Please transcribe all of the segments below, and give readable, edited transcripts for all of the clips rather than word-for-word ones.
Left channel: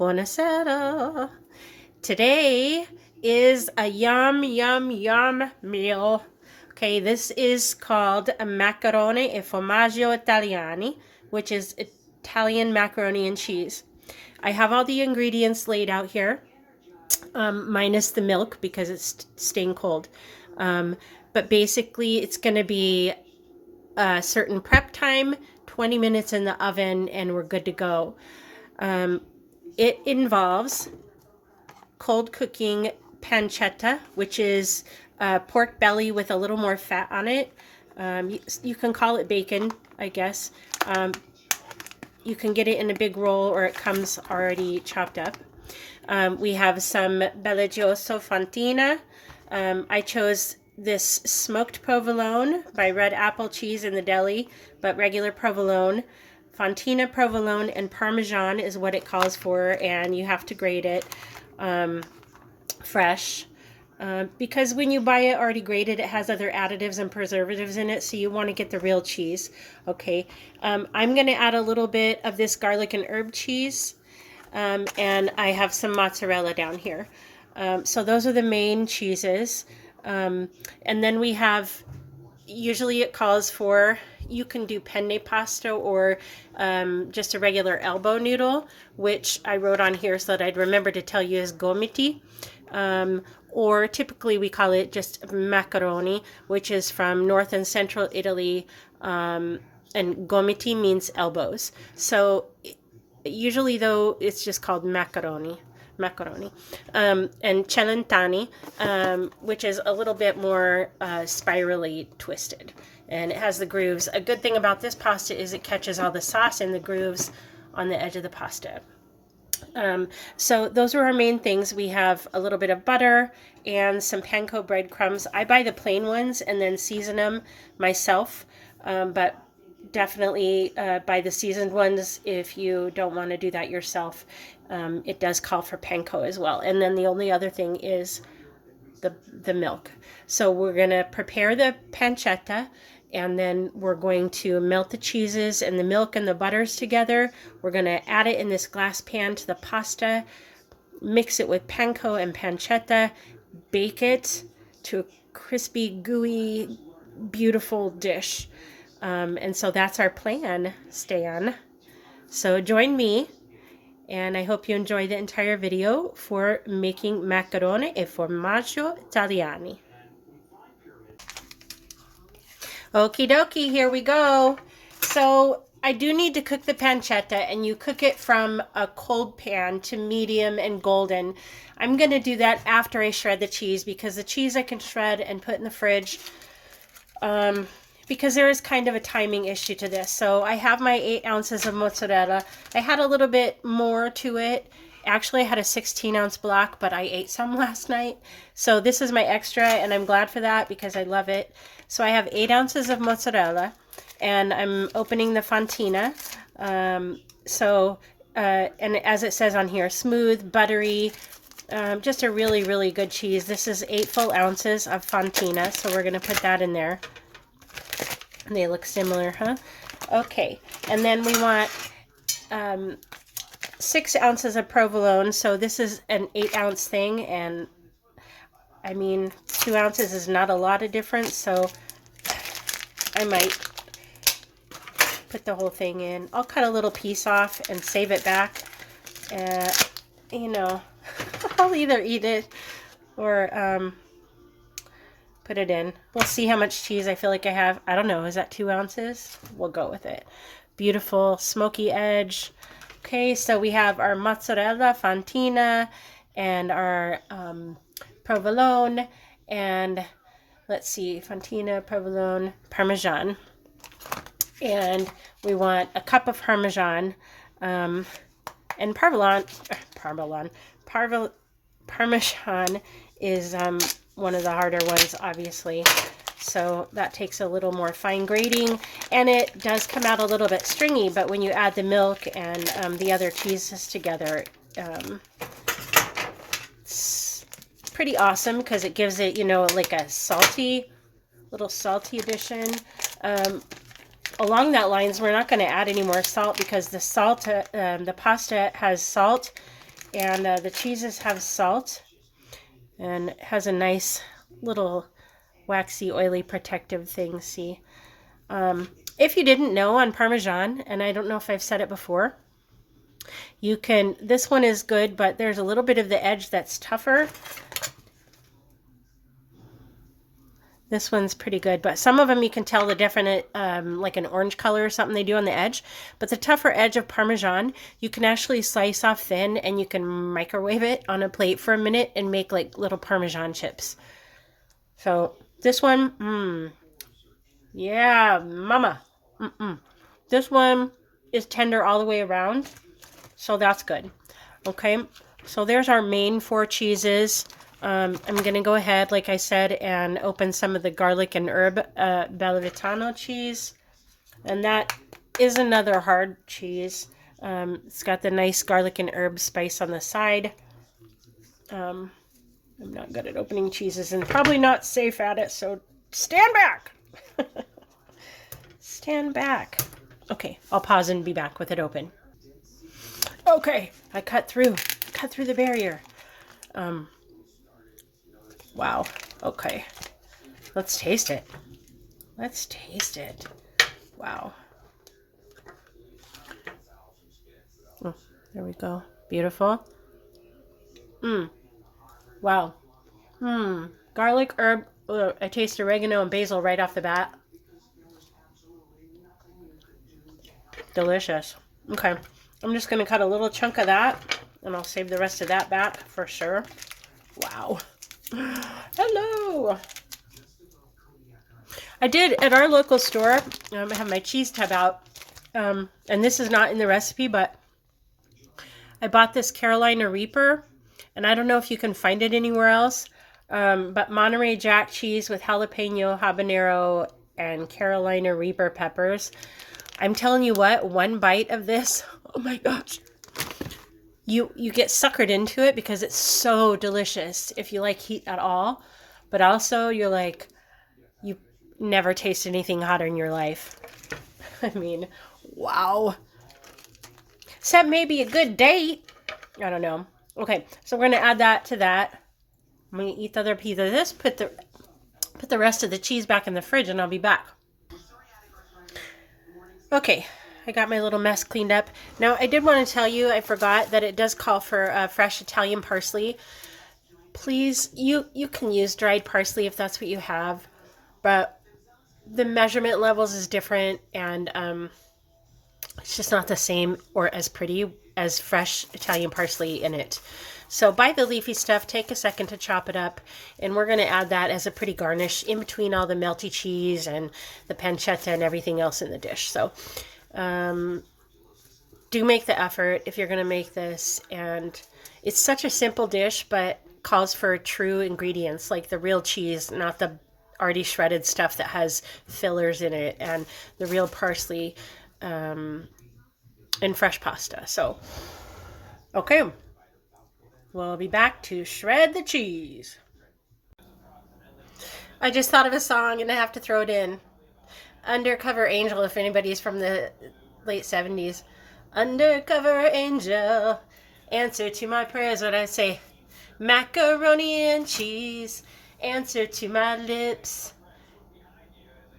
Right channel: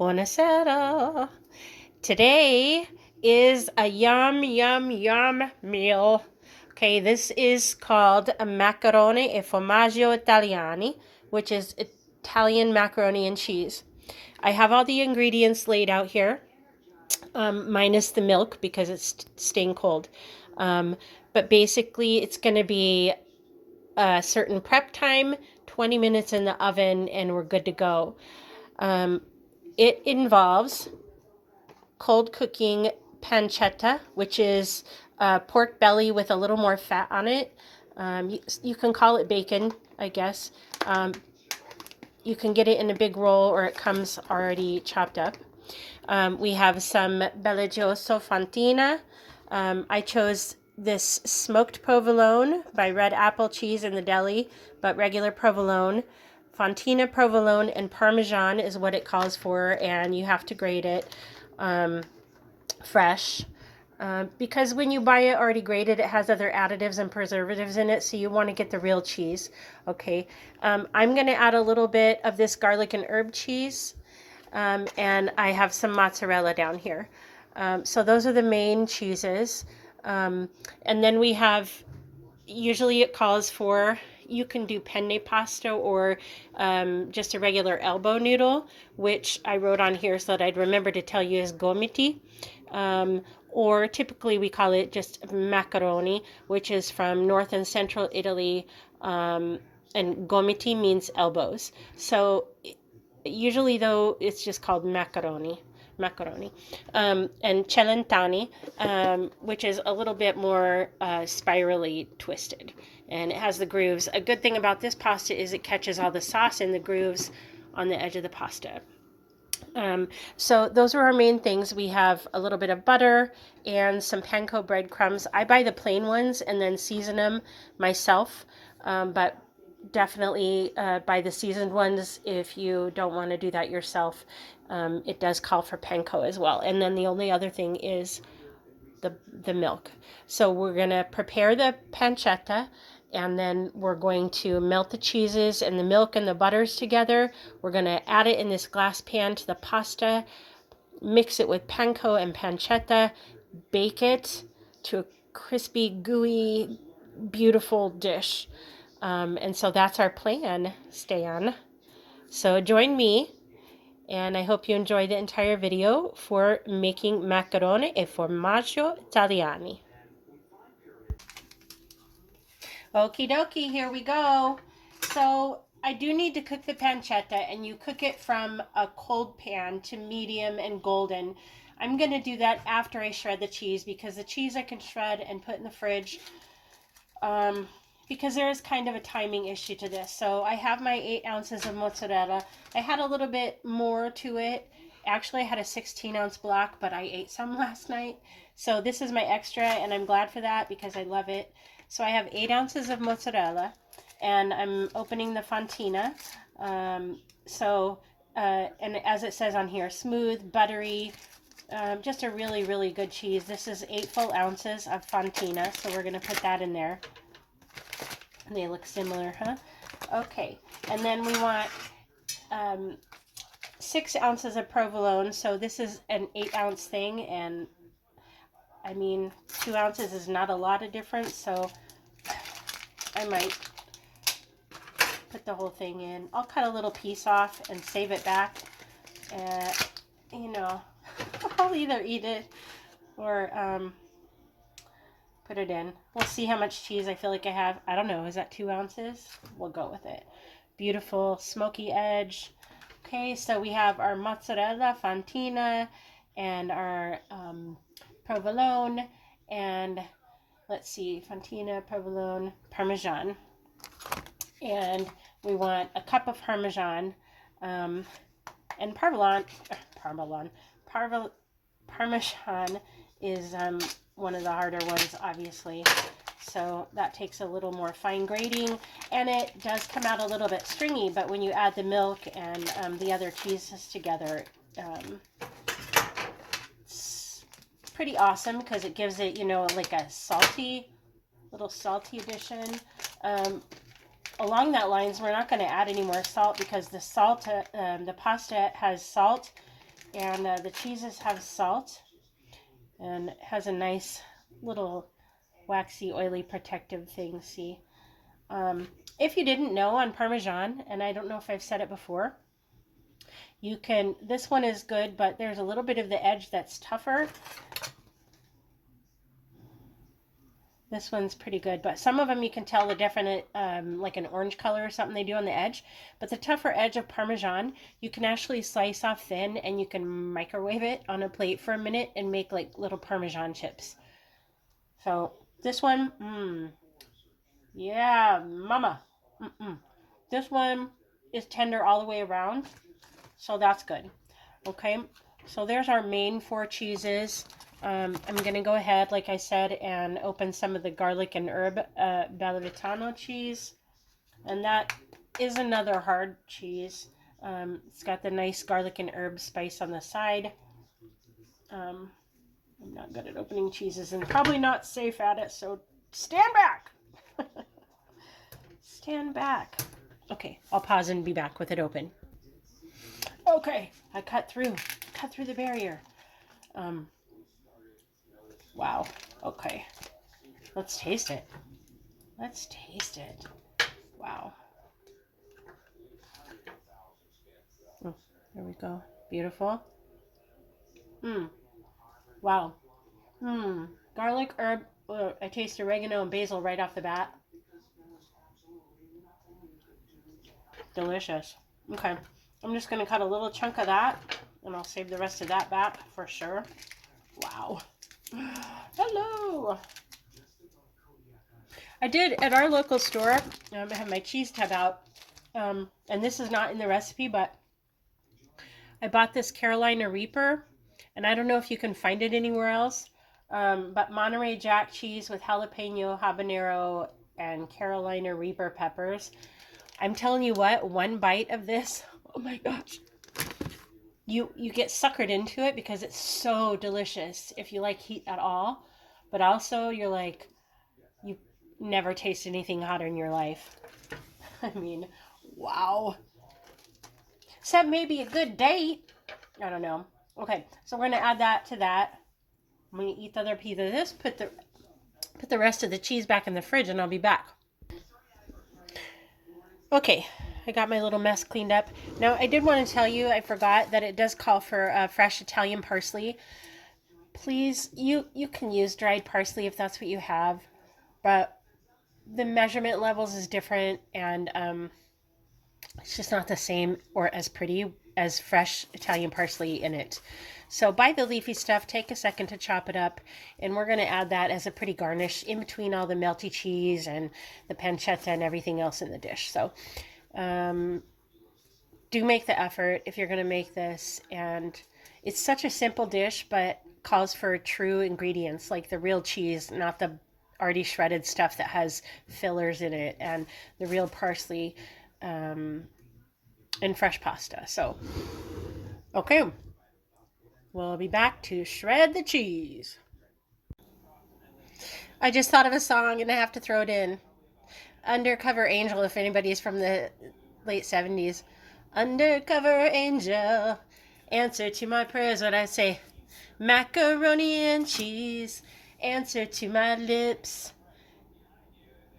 Buonasera. Today is a yum, yum, yum meal. Okay, this is called a macaroni e formaggio Italiani, which is Italian macaroni and cheese. I have all the ingredients laid out here, minus the milk because it's staying cold. But basically, it's going to be a certain prep time, 20 minutes in the oven, and we're good to go. It involves cold cooking pancetta, which is pork belly with a little more fat on it. You can call it bacon, I guess. You can get it in a big roll or it comes already chopped up. We have some belligioso fontina. I chose this smoked provolone by Red Apple Cheese in the deli, but regular provolone. Fontina provolone and parmesan is what it calls for, and you have to grate it fresh. Because when you buy it already grated, it has other additives and preservatives in it, so you want to get the real cheese. Okay, I'm going to add a little bit of this garlic and herb cheese, and I have some mozzarella down here. So those are the main cheeses. And then we have, usually it calls for, you can do penne pasta or just a regular elbow noodle, which I wrote on here so that I'd remember to tell you is gomiti. Or typically we call it just macaroni, which is from north and central Italy, and gomiti means elbows. So usually though it's just called macaroni, and celentani, which is a little bit more spirally twisted, and it has the grooves. A good thing about this pasta is it catches all the sauce in the grooves on the edge of the pasta. So those are our main things. We have a little bit of butter and some panko breadcrumbs. I buy the plain ones and then season them myself, but definitely buy the seasoned ones if you don't want to do that yourself. It does call for panko as well. And then the only other thing is the milk. So we're going to prepare the pancetta, and then we're going to melt the cheeses and the milk and the butters together. We're going to add it in this glass pan to the pasta, mix it with panko and pancetta, bake it to a crispy, gooey, beautiful dish. And so that's our plan, Stan. So join me, and I hope you enjoy the entire video for making macaroni e formaggio Italiani. Okie dokie, here we go. So I do need to cook the pancetta, and you cook it from a cold pan to medium and golden. I'm going to do that after I shred the cheese, because the cheese I can shred and put in the fridge, because there is kind of a timing issue to this. So I have my 8 ounces of mozzarella. I had a little bit more to it. Actually, I had a 16-ounce block, but I ate some last night. So this is my extra, and I'm glad for that because I love it. So I have 8 ounces of mozzarella, and I'm opening the fontina. And as it says on here, smooth, buttery, just a really, really good cheese. This is 8 full ounces of fontina, so we're going to put that in there. They look similar, huh? Okay, and then we want 6 ounces of provolone. So this is an 8-ounce thing, and I mean, 2 ounces is not a lot of difference, so I might put the whole thing in. I'll cut a little piece off and save it back. You know, I'll either eat it or put it in. We'll see how much cheese I feel like I have. I don't know. Is that 2 ounces? We'll go with it. Beautiful smoky edge. Okay, so we have our mozzarella, fontina, and our provolone, and let's see, fontina, provolone, parmesan. And we want a cup of parmesan, and parmesan is one of the harder ones, obviously. So that takes a little more fine grating, and it does come out a little bit stringy, but when you add the milk and the other cheeses together, it's pretty awesome because it gives it, you know, like a little salty addition. Along that lines, we're not going to add any more salt because the pasta has salt And the cheeses have salt and it has a nice little waxy, oily, protective thing, see? If you didn't know on Parmesan, and I don't know if I've said it before, you can, this one is good, but there's a little bit of the edge that's tougher. This one's pretty good, but some of them you can tell the different, like an orange color or something they do on the edge. But the tougher edge of Parmesan, you can actually slice off thin and you can microwave it on a plate for a minute and make like little Parmesan chips. So this one, yeah, mama. This one is tender all the way around, so that's good. Okay, so there's our main 4 cheeses. I'm going to go ahead, like I said, and open some of the garlic and herb Bellavitano cheese. And that is another hard cheese. It's got the nice garlic and herb spice on the side. I'm not good at opening cheeses and probably not safe at it, so stand back. Stand back. Okay, I'll pause and be back with it open. Okay, I cut through the barrier. Wow. Okay. Let's taste it. Let's taste it. Wow. Oh, there we go. Beautiful. Wow. Garlic, herb. I taste oregano and basil right off the bat. Delicious. Okay. I'm just going to cut a little chunk of that, and I'll save the rest of that back for sure. Wow. Hello. I did at our local store. I have my cheese tub out, and this is not in the recipe, but I bought this Carolina Reaper, and I don't know if you can find it anywhere else, but Monterey Jack cheese with jalapeno, habanero, and Carolina Reaper peppers. I'm telling you what, one bite of this, oh my gosh. You get suckered into it because it's so delicious if you like heat at all. But also you're like, you never taste anything hotter in your life. I mean, wow. Except maybe a good date. I don't know. Okay, so we're going to add that to that. I'm going to eat the other piece of this, put the rest of the cheese back in the fridge, and I'll be back. Okay, I got my little mess cleaned up. Now, I did want to tell you, I forgot that it does call for fresh Italian parsley. Please, you can use dried parsley if that's what you have, but the measurement levels is different, and it's just not the same or as pretty as fresh Italian parsley in it. So buy the leafy stuff, take a second to chop it up, and we're going to add that as a pretty garnish in between all the melty cheese and the pancetta and everything else in the dish. So do make the effort if you're going to make this. And it's such a simple dish, but calls for true ingredients like the real cheese, not the already shredded stuff that has fillers in it, and the real parsley and fresh pasta. So, okay. We'll be back to shred the cheese. I just thought of a song and I have to throw it in. Undercover Angel, if anybody's from the late 70s. Undercover angel, answer to my prayers, what I say. Macaroni and cheese, answer to my lips.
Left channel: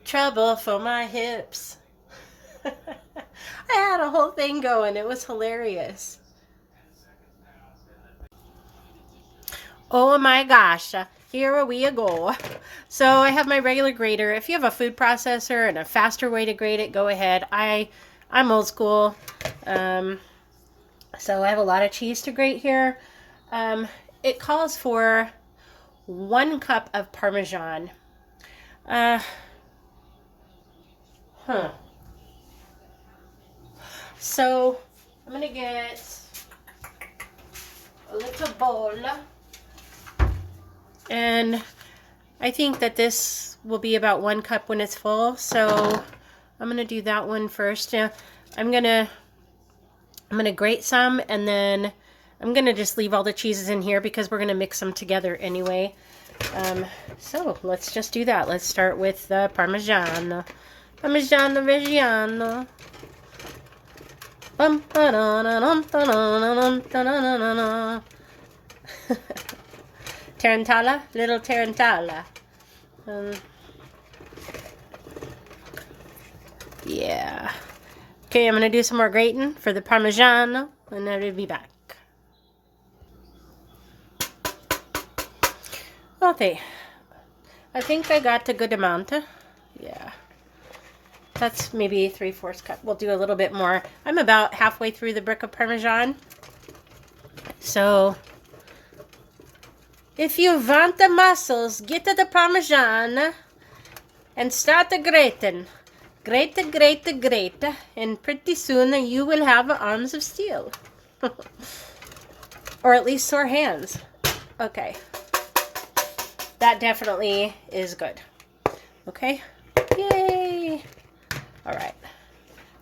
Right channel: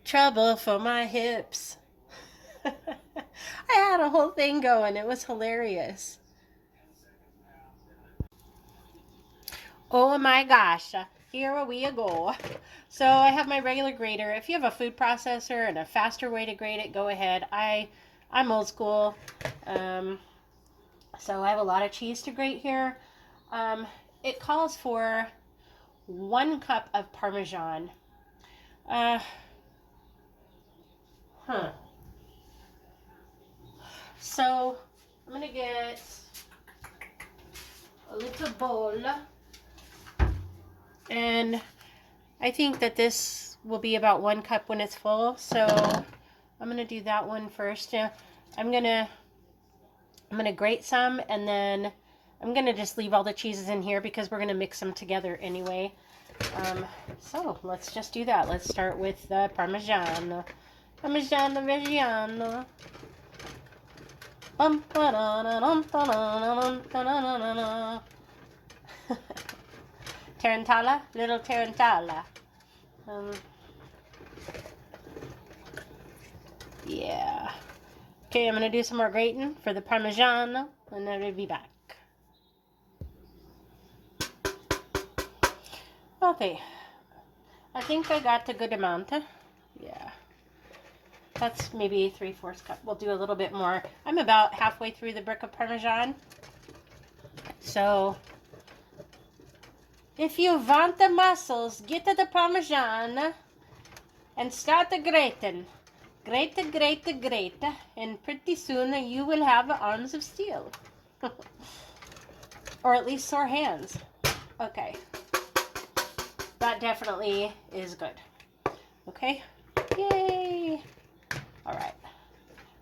Trouble for my hips. I had a whole thing going. It was hilarious. Oh my gosh, here we go. So I have my regular grater. If you have a food processor and a faster way to grate it, go ahead. I'm old school. So I have a lot of cheese to grate here. It calls for 1 cup of Parmesan. So I'm gonna get a little bowl. And I think that this will be about 1 cup when it's full. So I'm going to do that one first. I'm going to grate some, and then I'm going to just leave all the cheeses in here because we're going to mix them together anyway. So let's just do that. Let's start with the Parmesan. Parmigiano Reggiano. Tarantella, little tarantella. Yeah. Okay, I'm gonna do some more grating for the Parmesan, and then I'll be back. Okay, I think I got a good amount. Yeah, that's maybe 3/4 cup. We'll do a little bit more. I'm about halfway through the brick of Parmesan. So, if you want the muscles, get to the Parmesan and start the grating. Grate, and pretty soon you will have arms of steel. Or at least sore hands. Okay. That definitely is good. Okay. Yay. All right.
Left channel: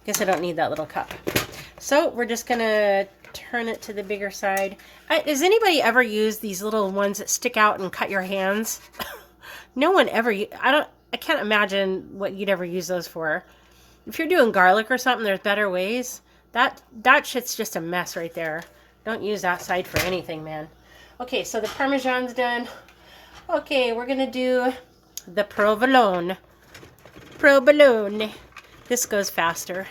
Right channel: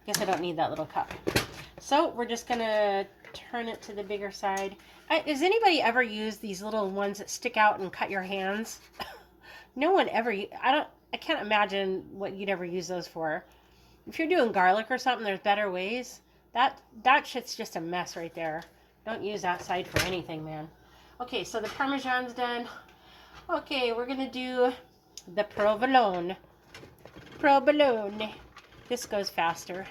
Guess I don't need that little cup. So we're just going to turn it to the bigger side. Does anybody ever use these little ones that stick out and cut your hands? No one ever. I can't imagine what you'd ever use those for. If you're doing garlic or something, there's better ways. That shit's just a mess right there. Don't use that side for anything, man. Okay, so the Parmesan's done. Okay, we're going to do the provolone. Provolone. This goes faster.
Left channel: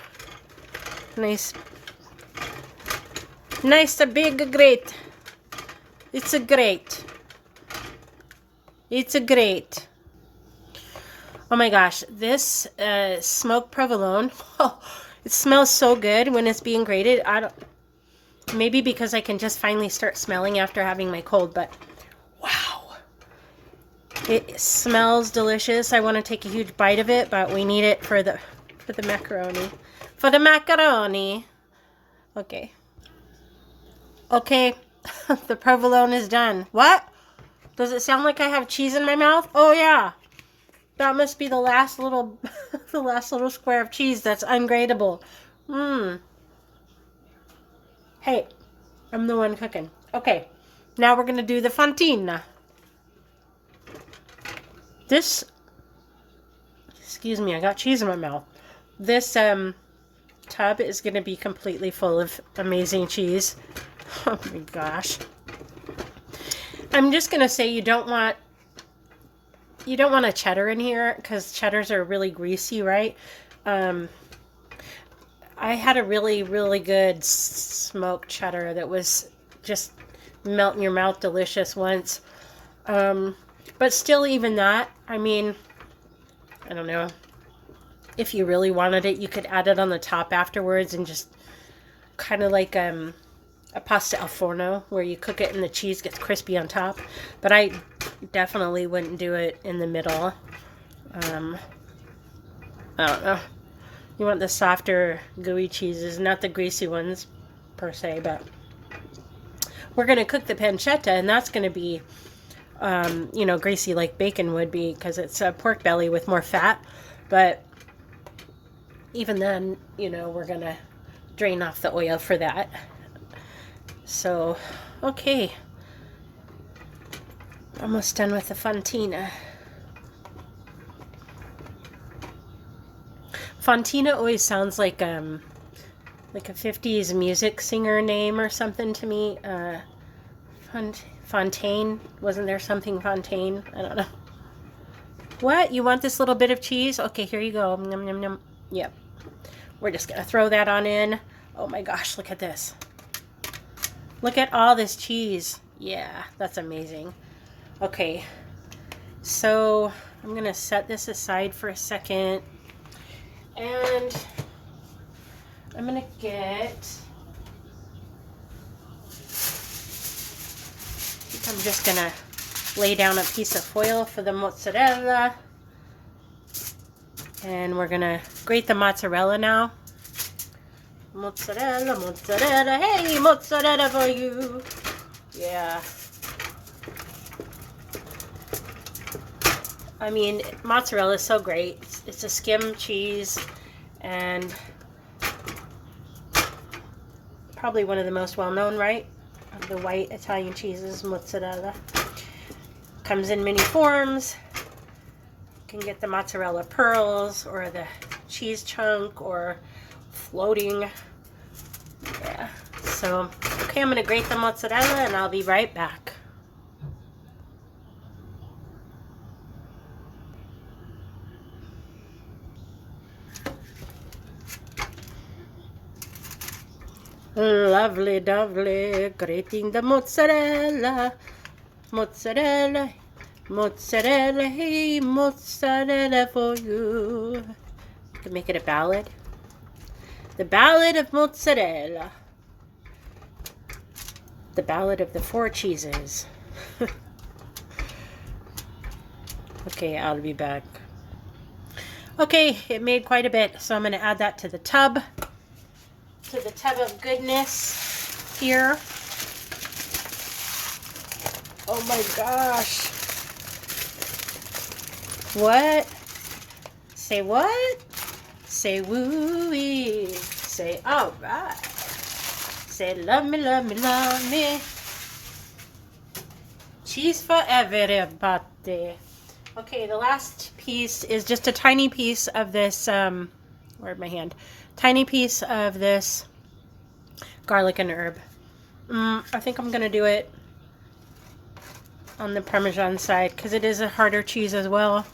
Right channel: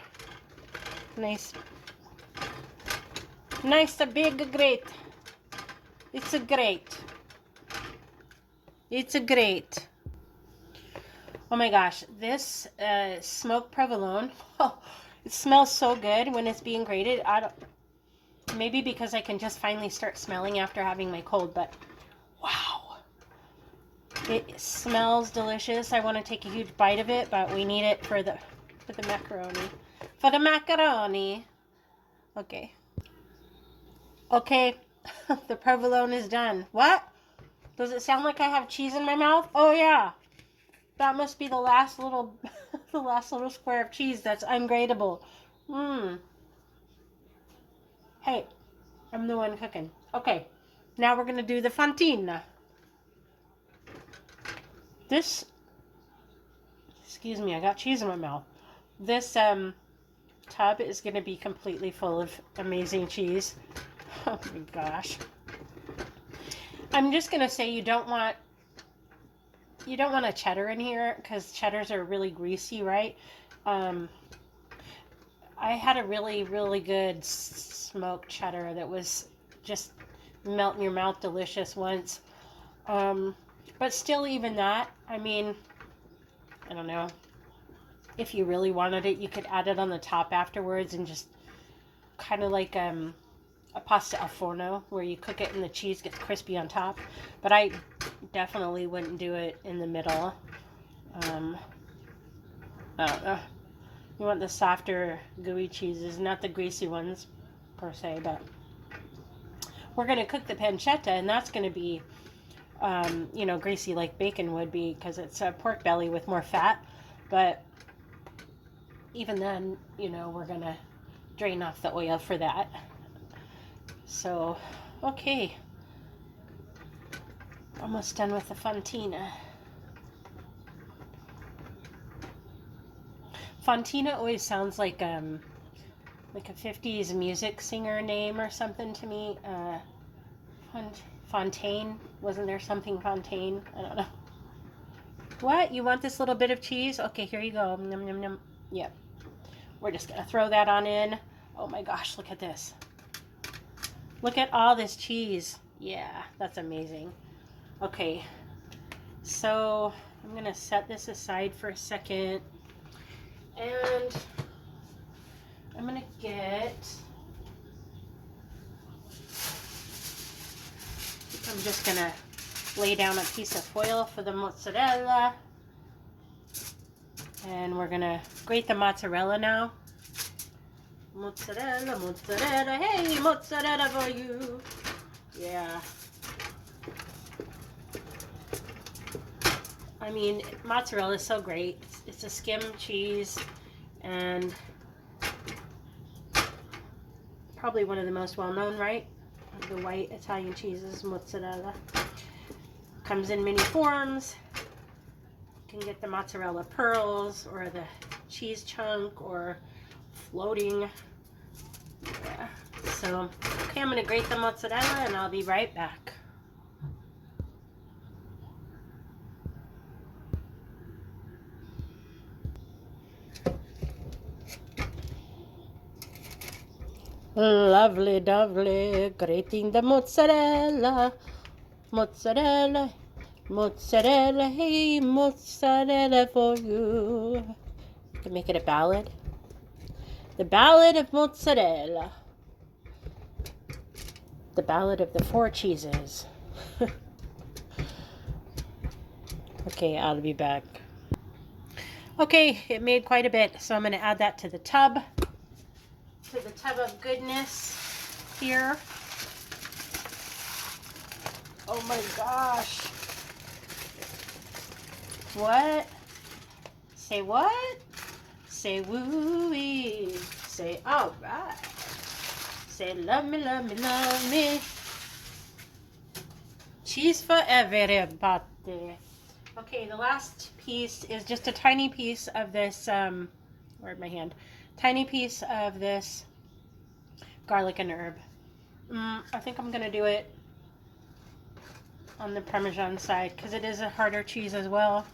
Nice a big grate. It's a grate. It's a grate. Oh my gosh, this smoked provolone, oh, it smells so good when it's being grated. Maybe because I can just finally start smelling after having my cold, but wow. It smells delicious. I want to take a huge bite of it, but we need it for the macaroni. For the macaroni. Okay. Okay, the provolone is done. What? Does it sound like I have cheese in my mouth? Oh yeah. That must be the last little the last little square of cheese that's ungradable. Hey, I'm the one cooking. Okay, now we're gonna do the fontina. This, excuse me, I got cheese in my mouth. This tub is gonna be completely full of amazing cheese. Oh my gosh. I'm just gonna say you don't want a cheddar in here because cheddars are really greasy, right? I had a really, really good smoked cheddar that was just melt in your mouth delicious once. But still, even that, I mean, I don't know. If you really wanted it, you could add it on the top afterwards and just kind of like a pasta al forno where you cook it and the cheese gets crispy on top. But I definitely wouldn't do it in the middle. I don't know. You want the softer, gooey cheeses, not the greasy ones per se, but we're going to cook the pancetta, and that's going to be, greasy like bacon would be because it's a pork belly with more fat. But even then, we're going to drain off the oil for that. So, okay. Almost done with the fontina. Fontina always sounds like a 50s music singer name or something to me. Fontaine. Wasn't there something Fontaine? I don't know. What? You want this little bit of cheese? Okay, here you go. Yum, yum, yum. Yep. We're just going to throw that on in. Oh my gosh, look at this. Look at all this cheese. Yeah, that's amazing. Okay, so I'm going to set this aside for a second. And I'm going to I'm just going to lay down a piece of foil for the mozzarella. And we're going to grate the mozzarella now. Mozzarella, mozzarella, hey, mozzarella for you. Yeah. I mean, mozzarella is so great. It's a skim cheese and probably one of the most well-known, right? Of the white Italian cheeses, mozzarella. Comes in many forms. You can get the mozzarella pearls or the cheese chunk or floating So, okay, I'm going to grate the mozzarella and I'll be right back. Lovely, lovely, grating the mozzarella, mozzarella, mozzarella, hey, mozzarella for you. To make it a ballad. The Ballad of Mozzarella. The Ballad of the Four Cheeses. Okay, I'll be back. Okay, it made quite a bit, so I'm going to add that to the tub. To the tub of goodness here. Oh my gosh. What? Say what? Say woo-wee. Say all right. Say love me, love me, love me. Cheese for everybody. Okay, the last piece is just a tiny piece of this, where'd my hand? Tiny piece of this garlic and herb. I think I'm going to do it on the Parmesan side because it is a harder cheese as well.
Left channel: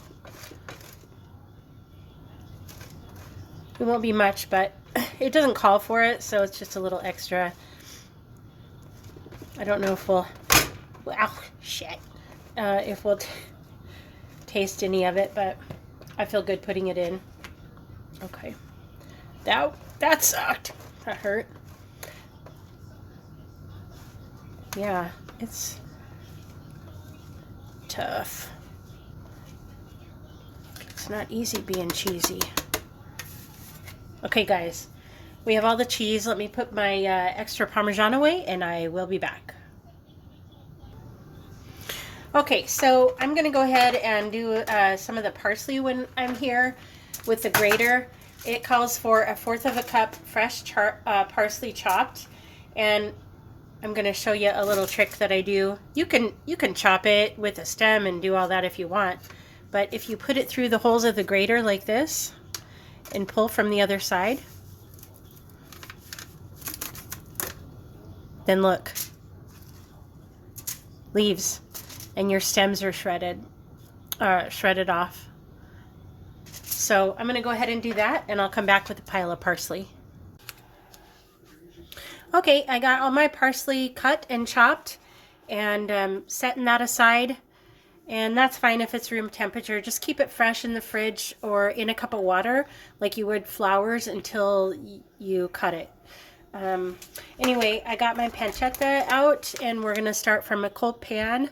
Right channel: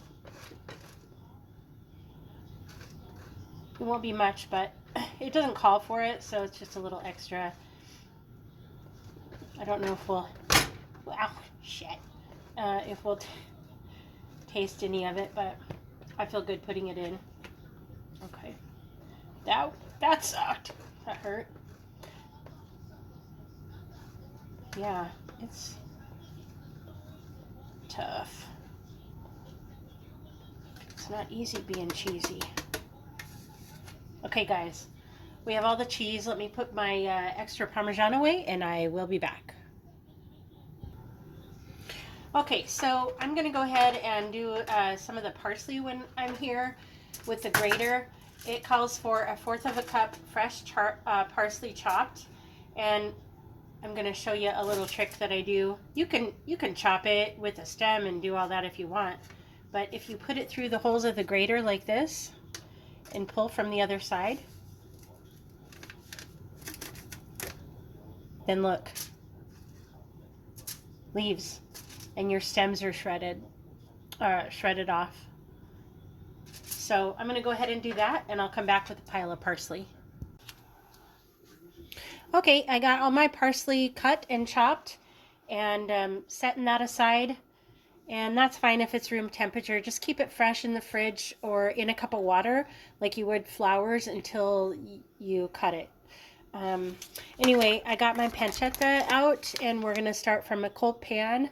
It won't be much, but it doesn't call for it, so it's just a little extra. I don't know if we'll, wow, shit, if we'll taste any of it, but I feel good putting it in. Okay. That sucked. That hurt. Yeah, it's tough. It's not easy being cheesy. Okay, guys, we have all the cheese. Let me put my extra Parmesan away, and I will be back. Okay, so I'm going to go ahead and do some of the parsley when I'm here with the grater. It calls for 1/4 cup fresh parsley chopped, and I'm going to show you a little trick that I do. You can chop it with a stem and do all that if you want, but if you put it through the holes of the grater like this and pull from the other side, then look, leaves, and your stems are shredded off. So I'm going to go ahead and do that, and I'll come back with a pile of parsley. Okay, I got all my parsley cut and chopped and setting that aside. And that's fine if it's room temperature. Just keep it fresh in the fridge or in a cup of water like you would flowers until you cut it. Anyway, I got my pancetta out, and we're going to start from a cold pan.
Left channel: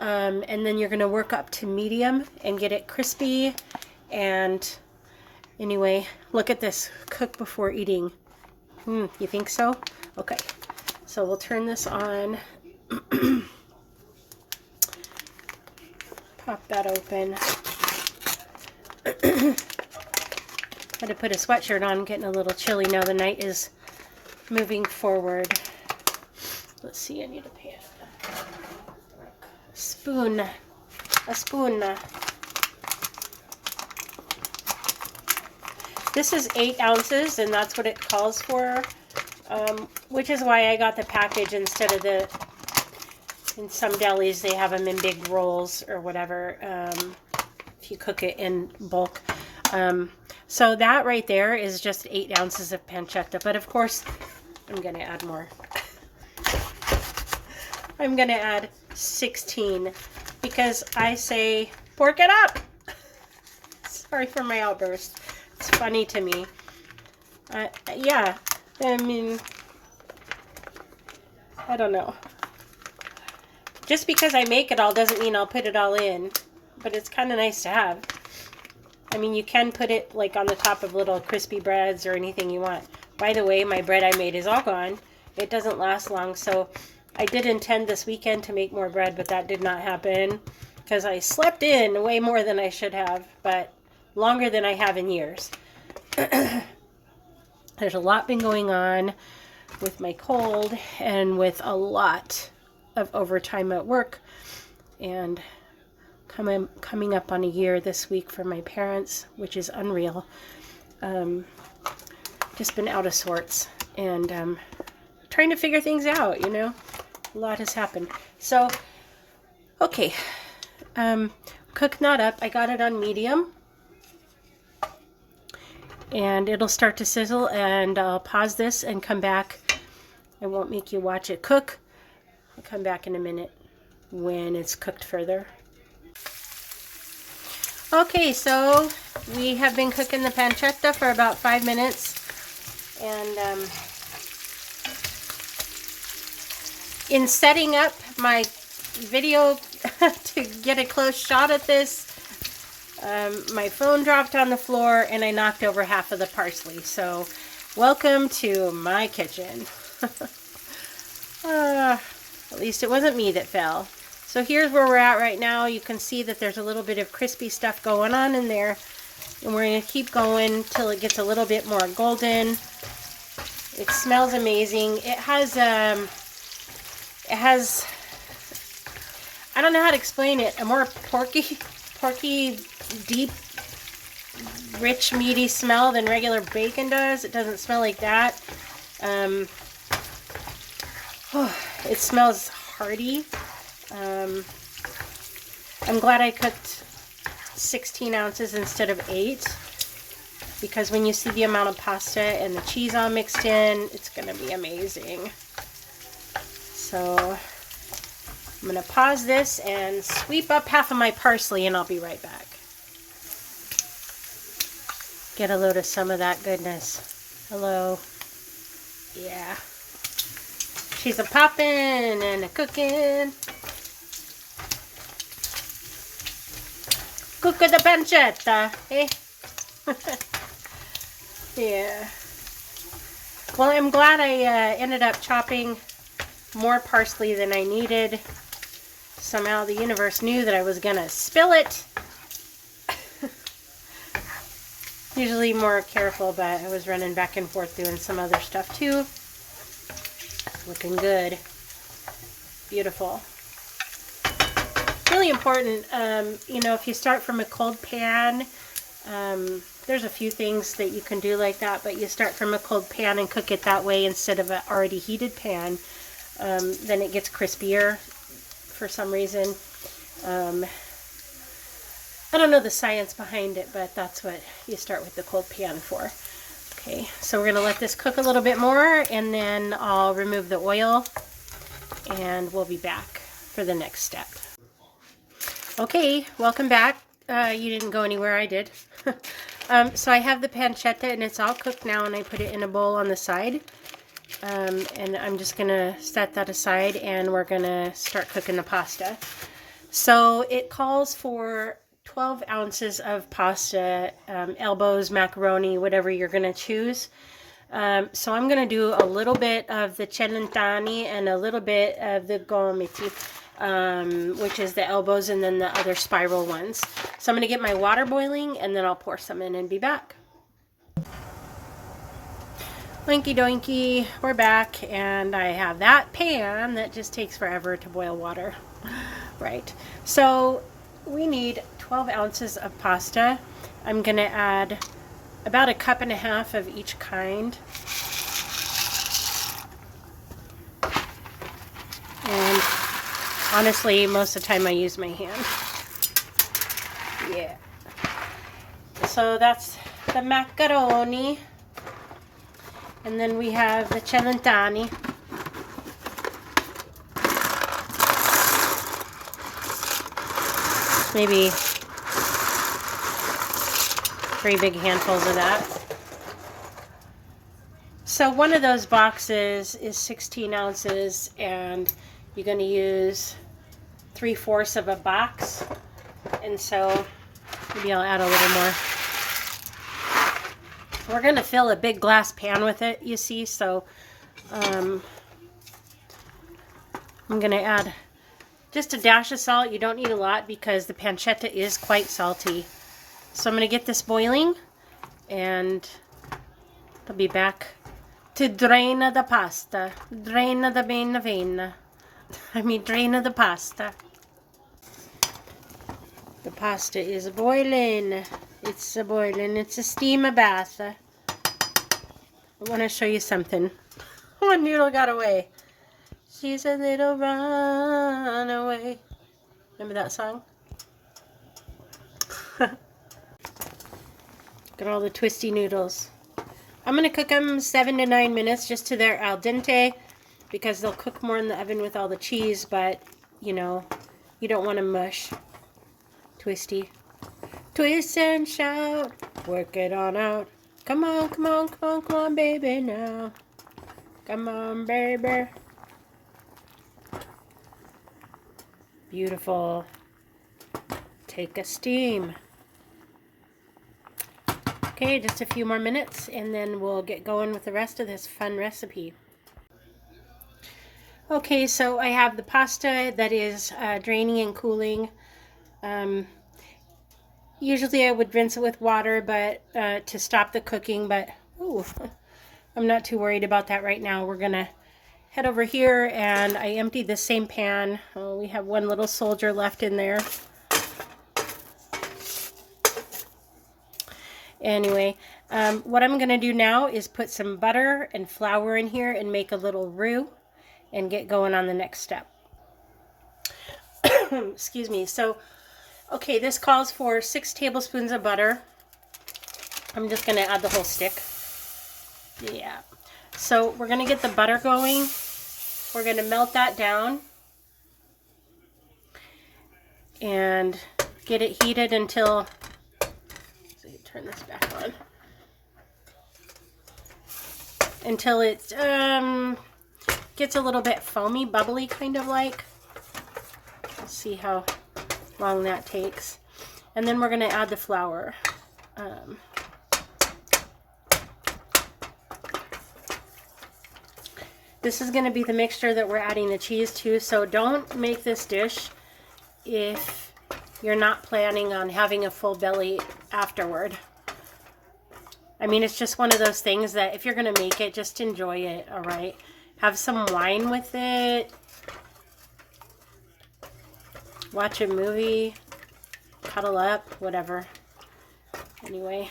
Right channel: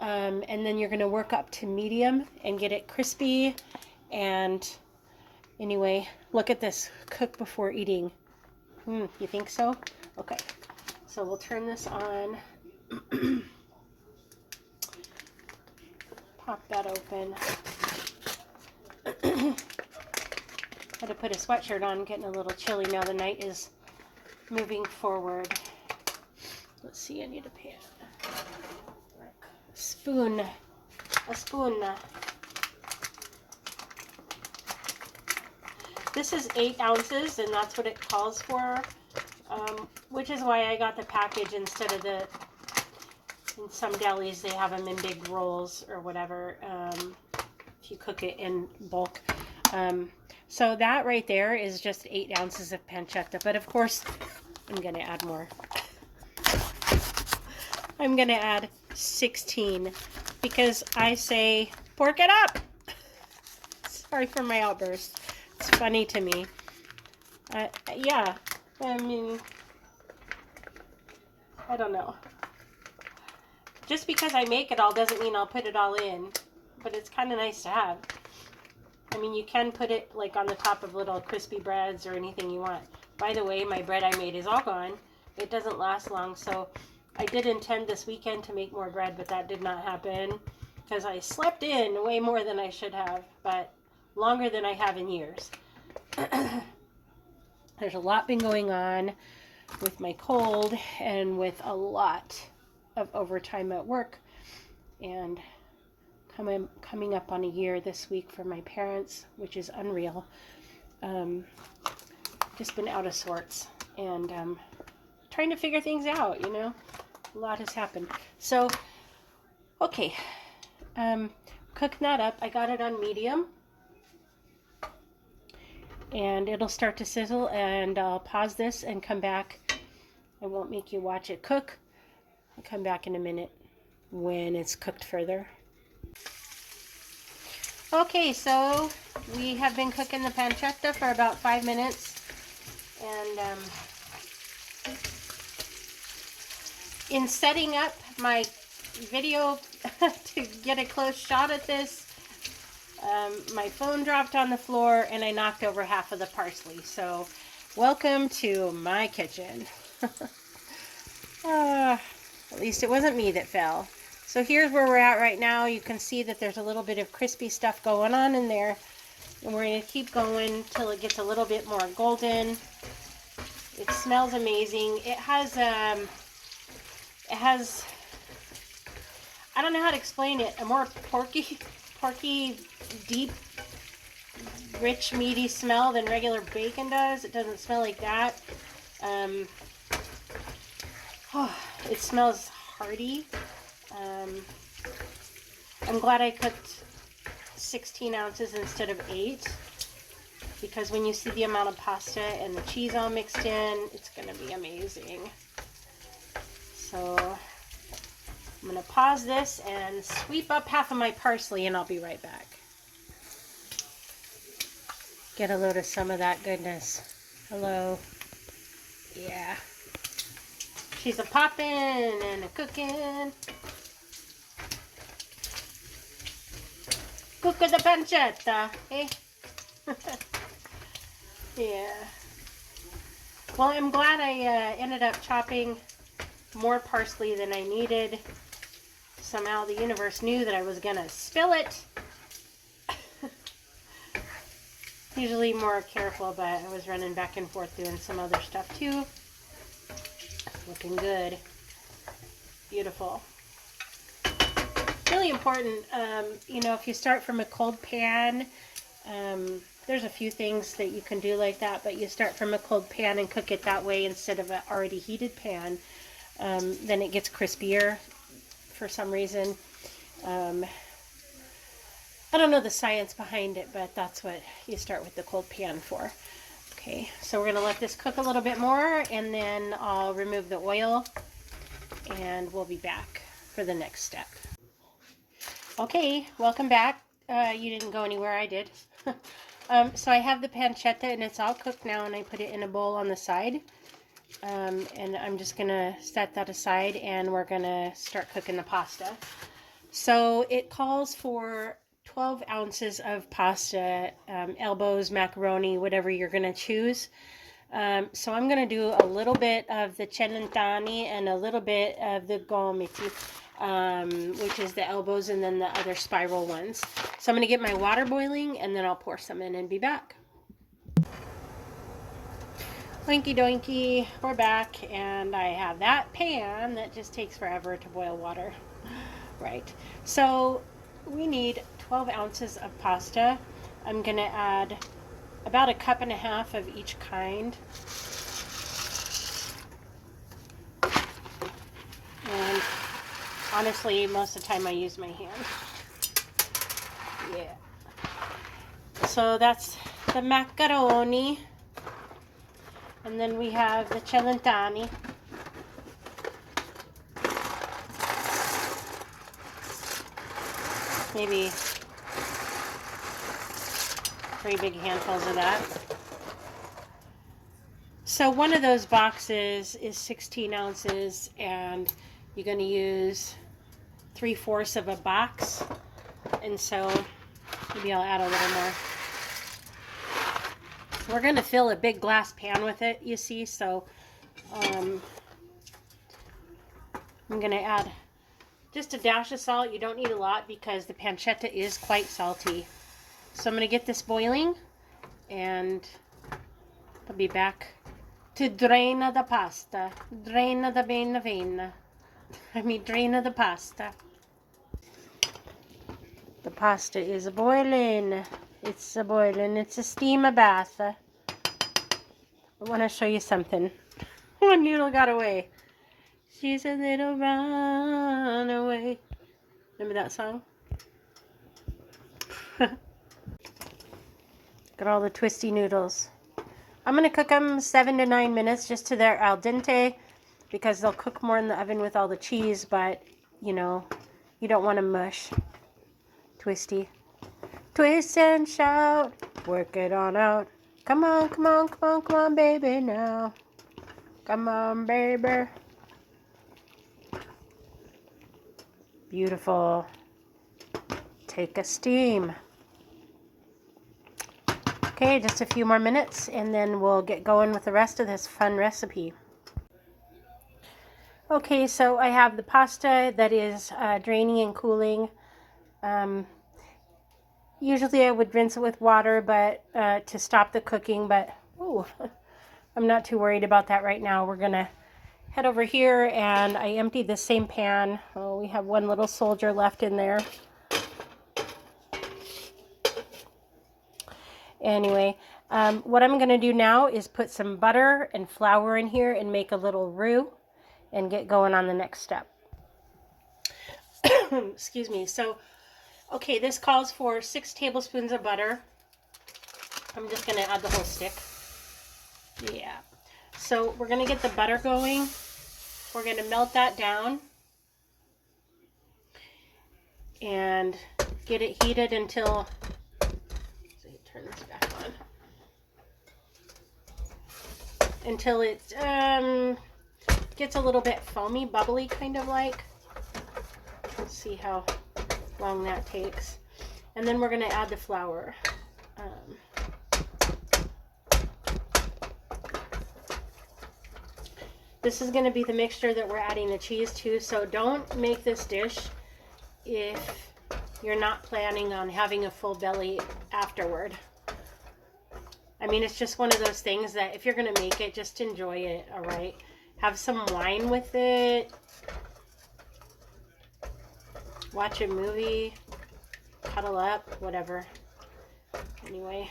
And then you're going to work up to medium and get it crispy. And anyway, look at this. Cook before eating. You think so? Okay. So we'll turn this on. Pop that open. Had to put a sweatshirt on, getting a little chilly now. The night is moving forward. Let's see, I need a pan. A spoon. This is 8 ounces, and that's what it calls for, which is why I got the package instead of the, in some delis they have them in big rolls or whatever, if you cook it in bulk. So that right there is just 8 ounces of pancetta, but of course I'm going to add more. I'm going to add 16 because I say pork it up. Sorry for my outburst. It's funny to me. Yeah, I mean, I don't know. Just because I make it all doesn't mean I'll put it all in, but it's kind of nice to have. I mean, you can put it like on the top of little crispy breads or anything you want. By the way, my bread I made is all gone. It doesn't last long, so I did intend this weekend to make more bread, but that did not happen because I slept in way more than I should have, but longer than I have in years. There's a lot been going on with my cold and with a lot of overtime at work, and coming up on a year this week for my parents, which is unreal. Just been out of sorts, and trying to figure things out, you know. A lot has happened. So, okay. Cooking that up. I got it on medium. And it'll start to sizzle, and I'll pause this and come back. I won't make you watch it cook. I'll come back in a minute when it's cooked further. Okay, so we have been cooking the pancetta for about 5 minutes, and in setting up my video to get a close shot at this, my phone dropped on the floor and I knocked over half of the parsley. So welcome to my kitchen. At least it wasn't me that fell. So here's where we're at right now. You can see that there's a little bit of crispy stuff going on in there. And we're going to keep going till it gets a little bit more golden. It smells amazing. It has, I don't know how to explain it, a more porky, deep, rich, meaty smell than regular bacon does. It doesn't smell like that. It smells hearty. I'm glad I cooked 16 ounces instead of 8, because when you see the amount of pasta and the cheese all mixed in, it's going to be amazing. So I'm going to pause this and sweep up half of my parsley, and I'll be right back. Get a load of some of that goodness. Hello. Yeah. She's a poppin' and a cooking. Cook with the pancetta, eh? Yeah. Well, I'm glad I ended up chopping more parsley than I needed. Somehow the universe knew that I was gonna spill it. Usually more careful, but I was running back and forth doing some other stuff too. Looking good. Beautiful. Really important, you know, if you start from a cold pan, there's a few things that you can do like that, but you start from a cold pan and cook it that way instead of an already heated pan, then it gets crispier for some reason. I don't know the science behind it, but that's what you start with the cold pan for. Okay, so we're going to let this cook a little bit more, and then I'll remove the oil, and we'll be back for the next step. Okay, welcome back. You didn't go anywhere, I did. So I have the pancetta, and it's all cooked now, and I put it in a bowl on the side. And I'm just going to set that aside, and we're going to start cooking the pasta. So it calls for 12 ounces of pasta, elbows, macaroni, whatever you're going to choose. So I'm going to do a little bit of the celentani and a little bit of the gomiti, which is the elbows, and then the other spiral ones. So I'm going to get my water boiling, and then I'll pour some in and be back. Oinky doinky, we're back, and I have that pan that just takes forever to boil water. Right, so we need 12 ounces of pasta. I'm going to add about 1.5 cups of each kind. And honestly, most of the time I use my hand. Yeah. So that's the macaroni. And then we have the celentani. Maybe 3 big handfuls of that. So one of those boxes is 16 ounces, and you're going to use 3/4 of a box. And so maybe I'll add a little more. We're going to fill a big glass pan with it, you see, so I'm going to add just a dash of salt. You don't need a lot because the pancetta is quite salty. So I'm going to get this boiling, and I'll be back to drain the pasta. Drain the vein. Drain the pasta. The pasta is boiling. It's a boiling. It's a steam bath. I want to show you something. One noodle got away. She's a little runaway. Remember that song? Got all the twisty noodles. I'm going to cook them 7 to 9 minutes just to their al dente because they'll cook more in the oven with all the cheese, but, you know, you don't want to mush. Twisty. Twist and shout. Work it on out. Come on, come on, come on, come on, baby, now. Come on, baby. Beautiful. Take a steam. Okay, just a few more minutes and then we'll get going with the rest of this fun recipe. Okay, so I have the pasta that is draining and cooling. Usually I would rinse it with water but to stop the cooking, but ooh, I'm not too worried about that right now. We're going to head over here and I emptied the same pan. Oh, we have one little soldier left in there. Anyway, what I'm going to do now is put some butter and flour in here and make a little roux and get going on the next step. Excuse me. So, okay, this calls for 6 tablespoons of butter. I'm just going to add the whole stick. Yeah. So we're going to get the butter going. We're going to melt that down and get it heated until... Turn this back on. Until it gets a little bit foamy, bubbly, kind of like. Let's see how long that takes. And then we're going to add the flour. This is going to be the mixture that we're adding the cheese to, so don't make this dish if you're not planning on having a full belly afterward. I mean, it's just one of those things that if you're going to make it, just enjoy it, all right? Have some wine with it. Watch a movie. Cuddle up, whatever. Anyway.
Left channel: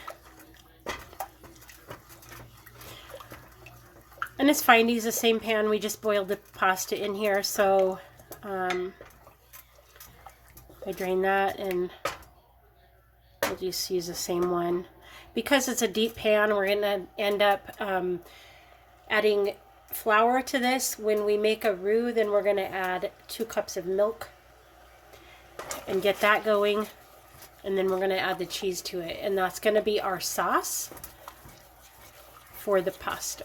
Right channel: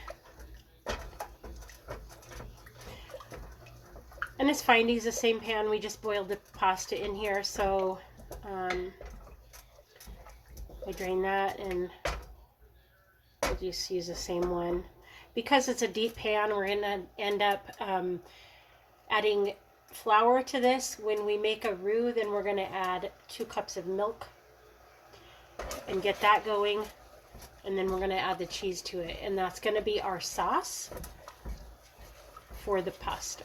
And it's fine to use the same pan. We just boiled the pasta in here, so I drain that and we'll just use the same one. Because it's a deep pan, we're going to end up adding flour to this. When we make a roux, then we're going to add 2 cups of milk and get that going. And then we're going to add the cheese to it. And that's going to be our sauce for the pasta.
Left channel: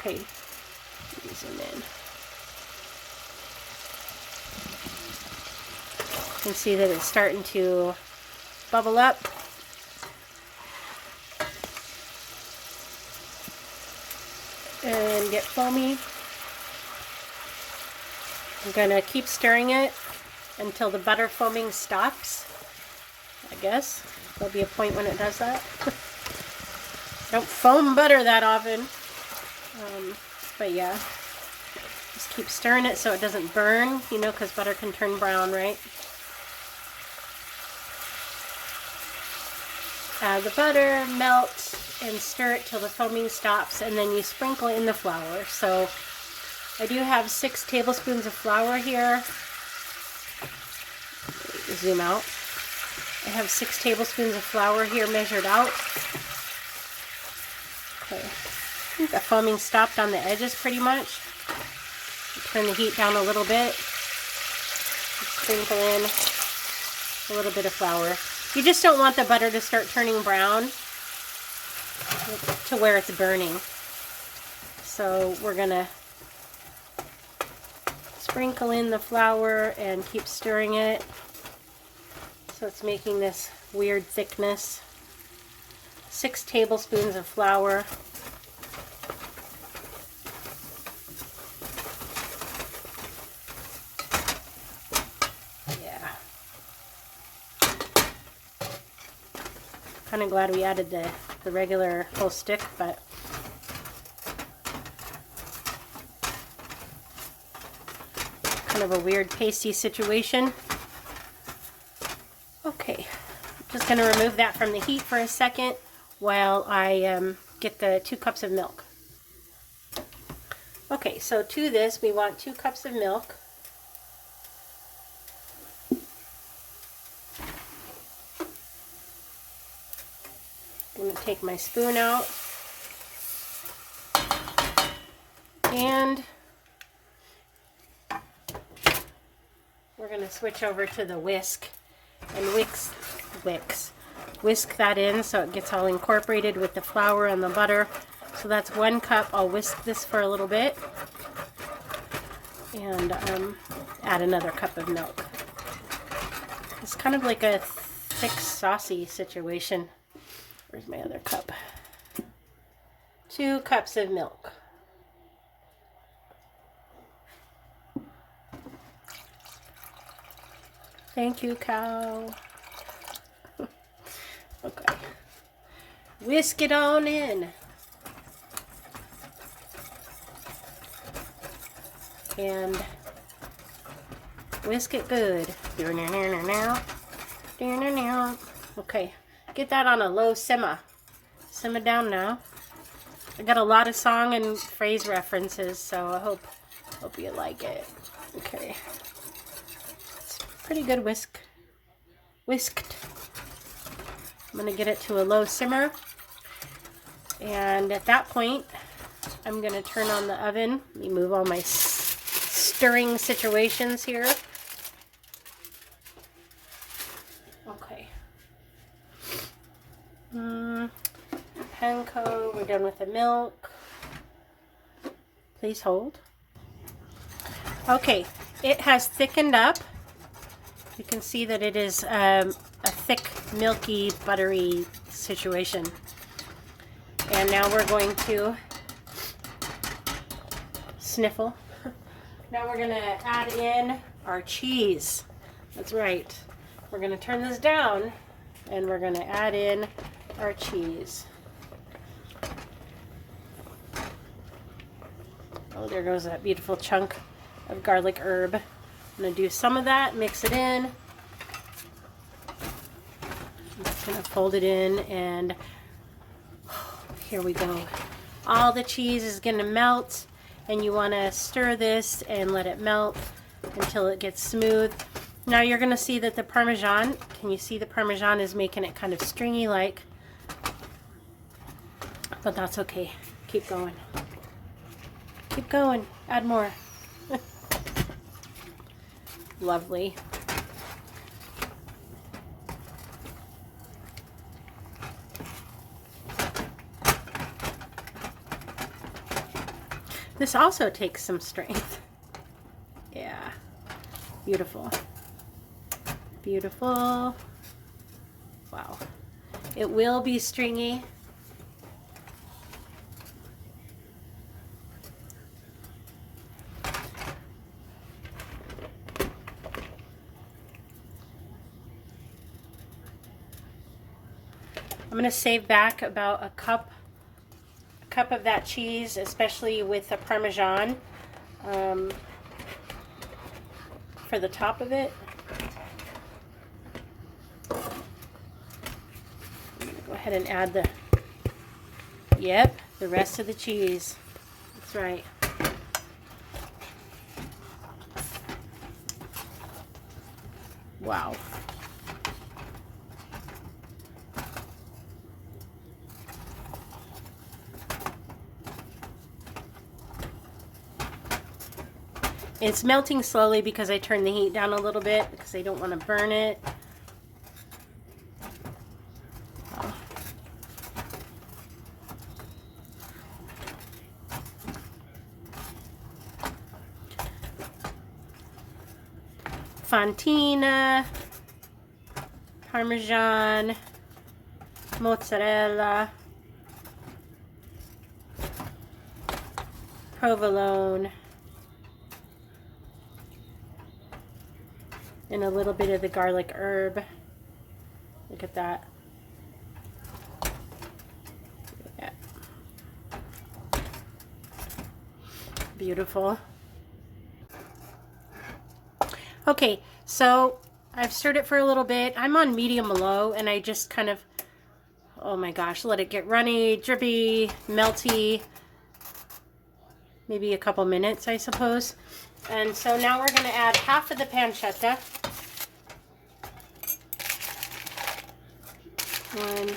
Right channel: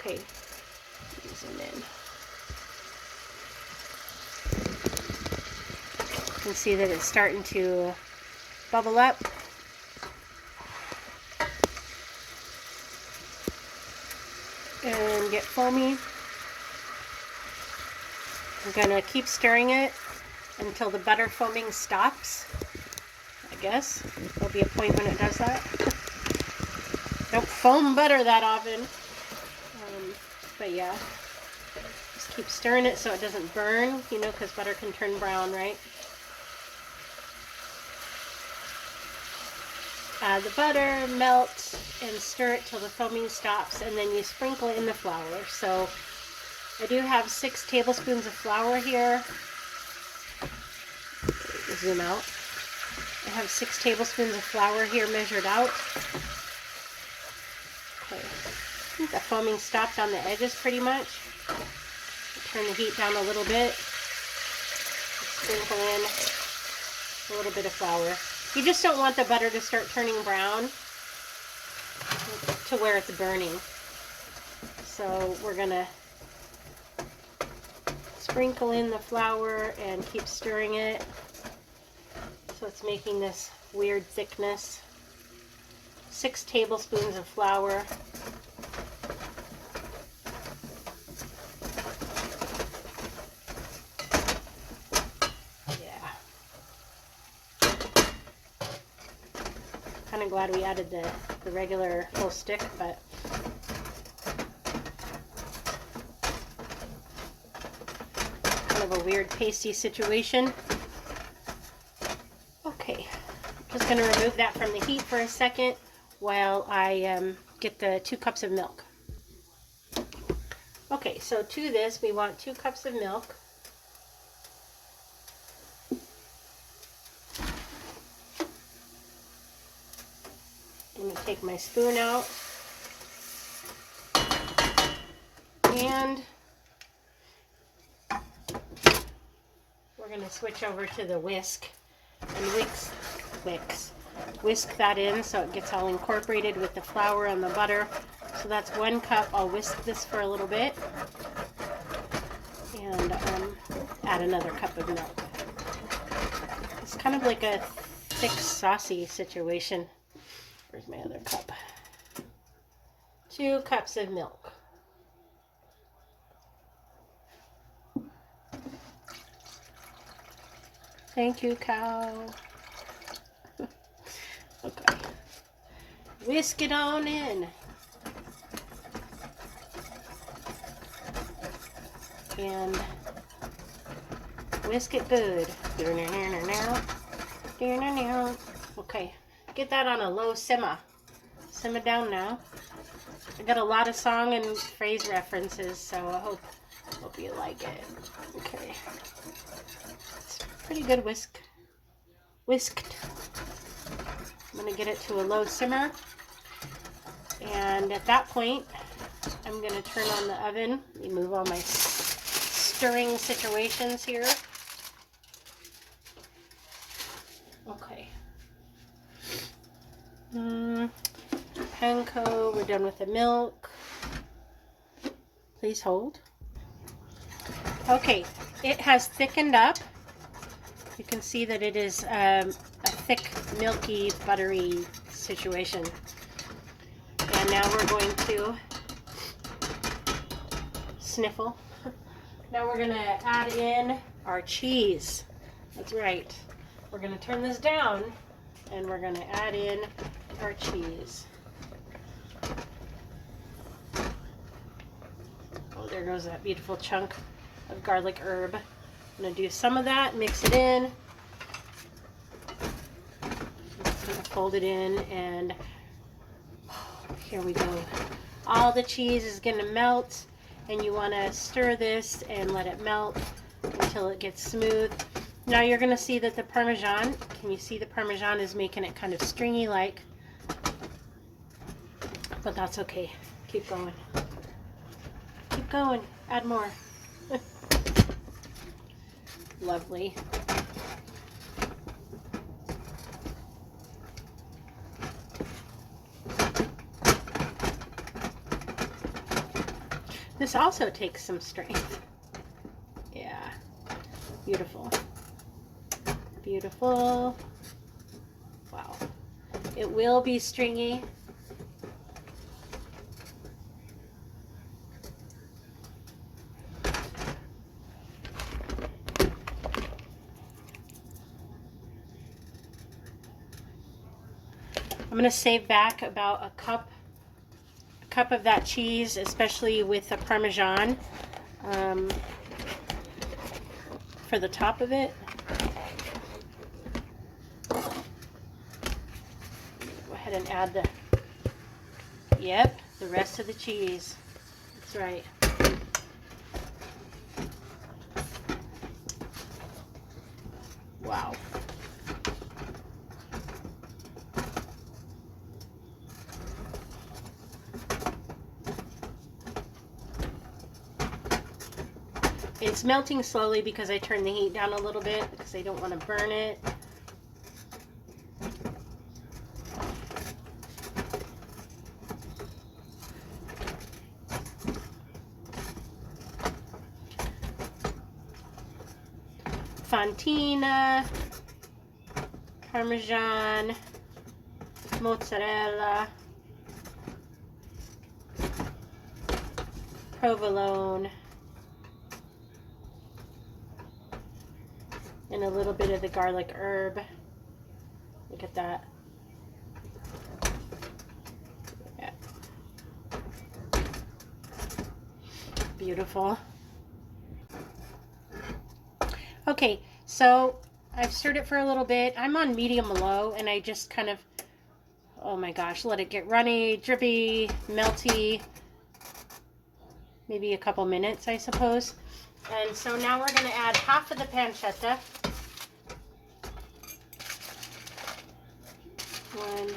Okay, zoom in. You can see that it's starting to bubble up. And get foamy. I'm going to keep stirring it until the butter foaming stops. I guess there'll be a point when it does that. Don't foam butter that often. But yeah, just keep stirring it so it doesn't burn, you know, because butter can turn brown, right? Add the butter, melt, and stir it till the foaming stops, and then you sprinkle in the flour. So I do have 6 tablespoons of flour here. Zoom out. I have 6 tablespoons of flour here measured out. Okay. I think the foaming stopped on the edges pretty much. Turn the heat down a little bit. Sprinkle in a little bit of flour. You just don't want the butter to start turning brown to where it's burning. So we're going to sprinkle in the flour and keep stirring it. So it's making this weird thickness. 6 tablespoons of flour. Kind of glad we added the regular whole stick, but kind of a weird pasty situation. Okay, just going to remove that from the heat for a second. while I get the 2 cups of milk. Okay, so to this we want 2 cups of milk. I'm going to take my spoon out and we're going to switch over to the whisk and whisk that in so it gets all incorporated with the flour and the butter. So that's 1 cup. I'll whisk this for a little bit and add another cup of milk. It's kind of like a thick, saucy situation. Where's my other cup? 2 cups of milk. Thank you, cow. Okay. Whisk it on in. And whisk it good. Okay. Get that on a low simmer. Simmer down now. I got a lot of song and phrase references, so I hope you like it. Okay. It's pretty good whisked. I'm going to get it to a low simmer. And at that point, I'm going to turn on the oven. Let me move all my stirring situations here. Okay. Panko, we're done with the milk. Please hold. Okay, it has thickened up. You can see that it is a thick, milky, buttery situation. And now we're going to sniffle. Now we're going to add in our cheese. That's right. We're going to turn this down and we're going to add in our cheese. Oh, there goes that beautiful chunk of garlic herb. I'm going to do some of that, mix it in. I'm just going to fold it in and here we go. All the cheese is going to melt and you want to stir this and let it melt until it gets smooth. Now you're going to see that the Parmesan, can you see the Parmesan is making it kind of stringy like? But that's okay. Keep going. Keep going. Add more. Lovely. This also takes some strength. Yeah. Beautiful. Beautiful. Wow. It will be stringy. I'm going to save back about a cup of that cheese, especially with the Parmesan, for the top of it. Go ahead and add the rest of the cheese. That's right. Wow. It's melting slowly because I turned the heat down a little bit because I don't want to burn it. Fontina, Parmesan, mozzarella, provolone, and a little bit of the garlic herb. Look at that. Yeah. Beautiful. Okay, so I've stirred it for a little bit. I'm on medium low and I just kind of, oh my gosh, let it get runny, drippy, melty. Maybe a couple minutes, I suppose. And so now we're going to add half of the pancetta. And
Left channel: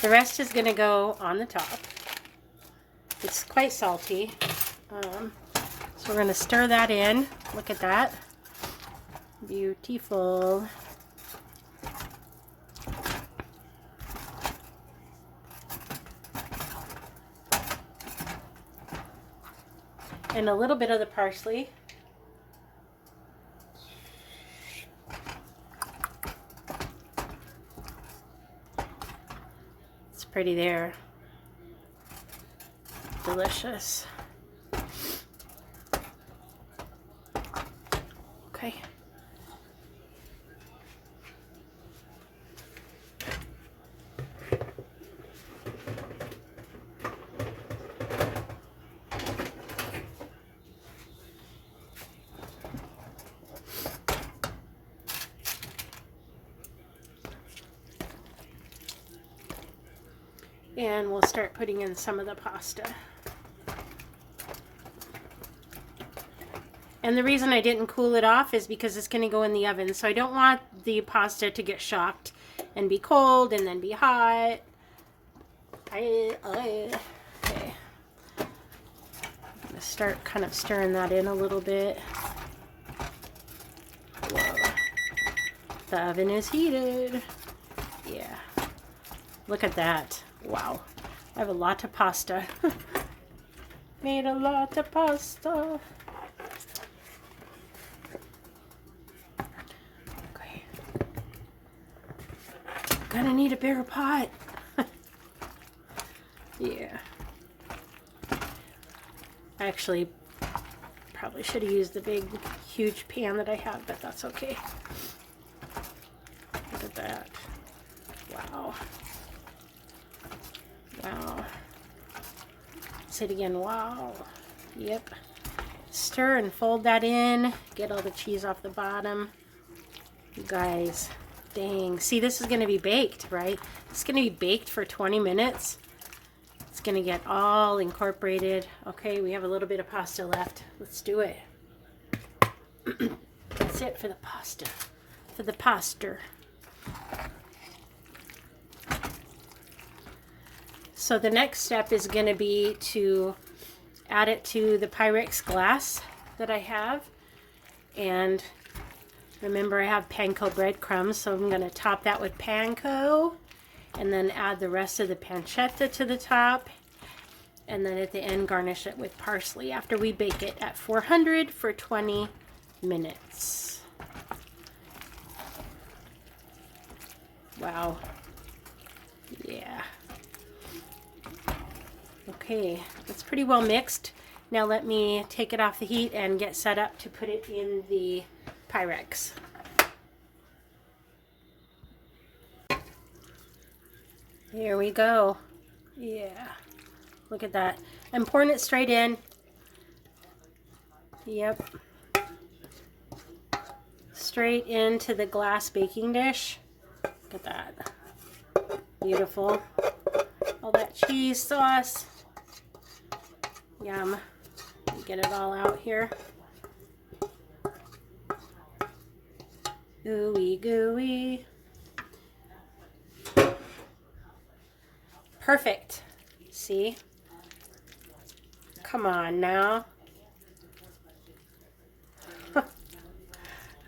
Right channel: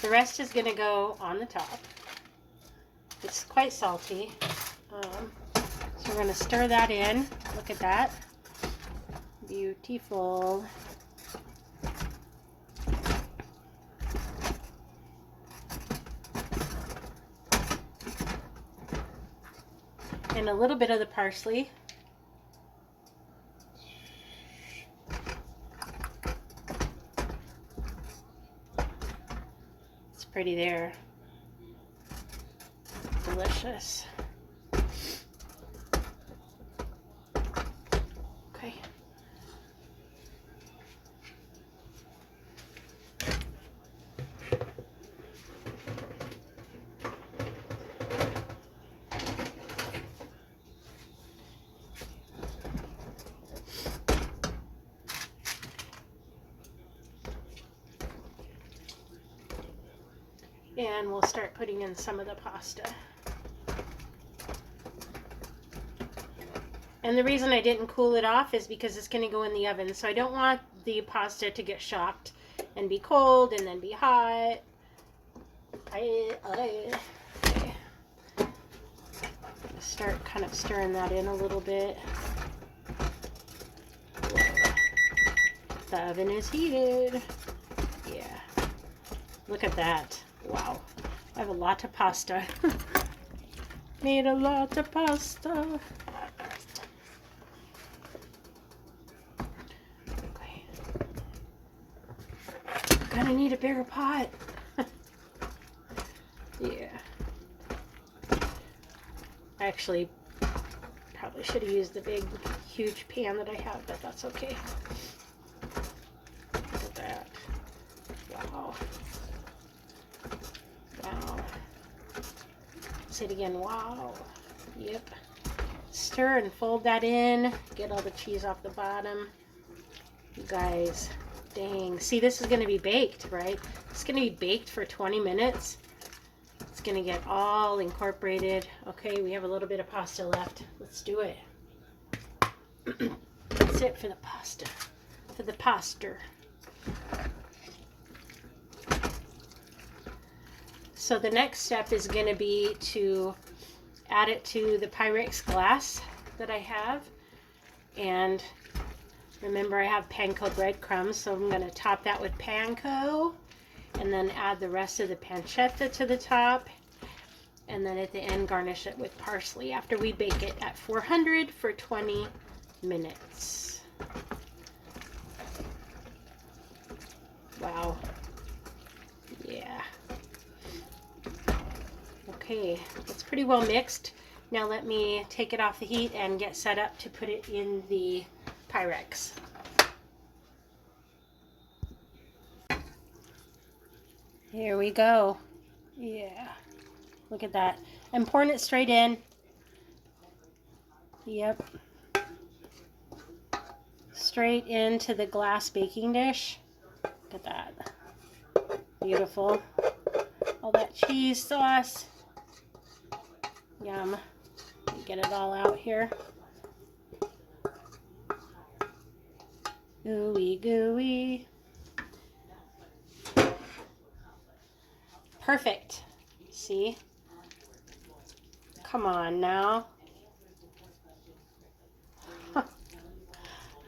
the rest is going to go on the top. It's quite salty. So we're going to stir that in. Look at that. Beautiful. And a little bit of the parsley. It's pretty there. Delicious. Okay. And we'll start putting in some of the pasta. And the reason I didn't cool it off is because it's going to go in the oven. So I don't want the pasta to get shocked and be cold and then be hot. Okay. I'm going to start kind of stirring that in a little bit. Whoa. The oven is heated. Yeah. Look at that. Wow. I have a lot of pasta. Made a lot of pasta. Okay. Gonna need a bigger pot. Yeah. I actually probably should have used the big, huge pan that I have, but that's okay. Look at that. Wow. Wow. Say it again. Wow. Yep. Stir and fold that in. Get all the cheese off the bottom. You guys, dang. See, this is going to be baked, right? It's going to be baked for 20 minutes. It's going to get all incorporated. Okay, we have a little bit of pasta left. Let's do it. That's it for the pasta. For the pasta. So the next step is going to be to add it to the Pyrex glass that I have. And remember, I have panko breadcrumbs, so I'm going to top that with panko. And then add the rest of the pancetta to the top. And then at the end, garnish it with parsley after we bake it at 400 for 20 minutes. Wow. Yeah. Okay, it's pretty well mixed. Now let me take it off the heat and get set up to put it in the Pyrex. Here we go. Yeah, look at that. I'm pouring it straight in. Yep. Straight into the glass baking dish. Look at that. Beautiful. All that cheese sauce. Yum. Get it all out here. Ooey gooey. Perfect. See? Come on now.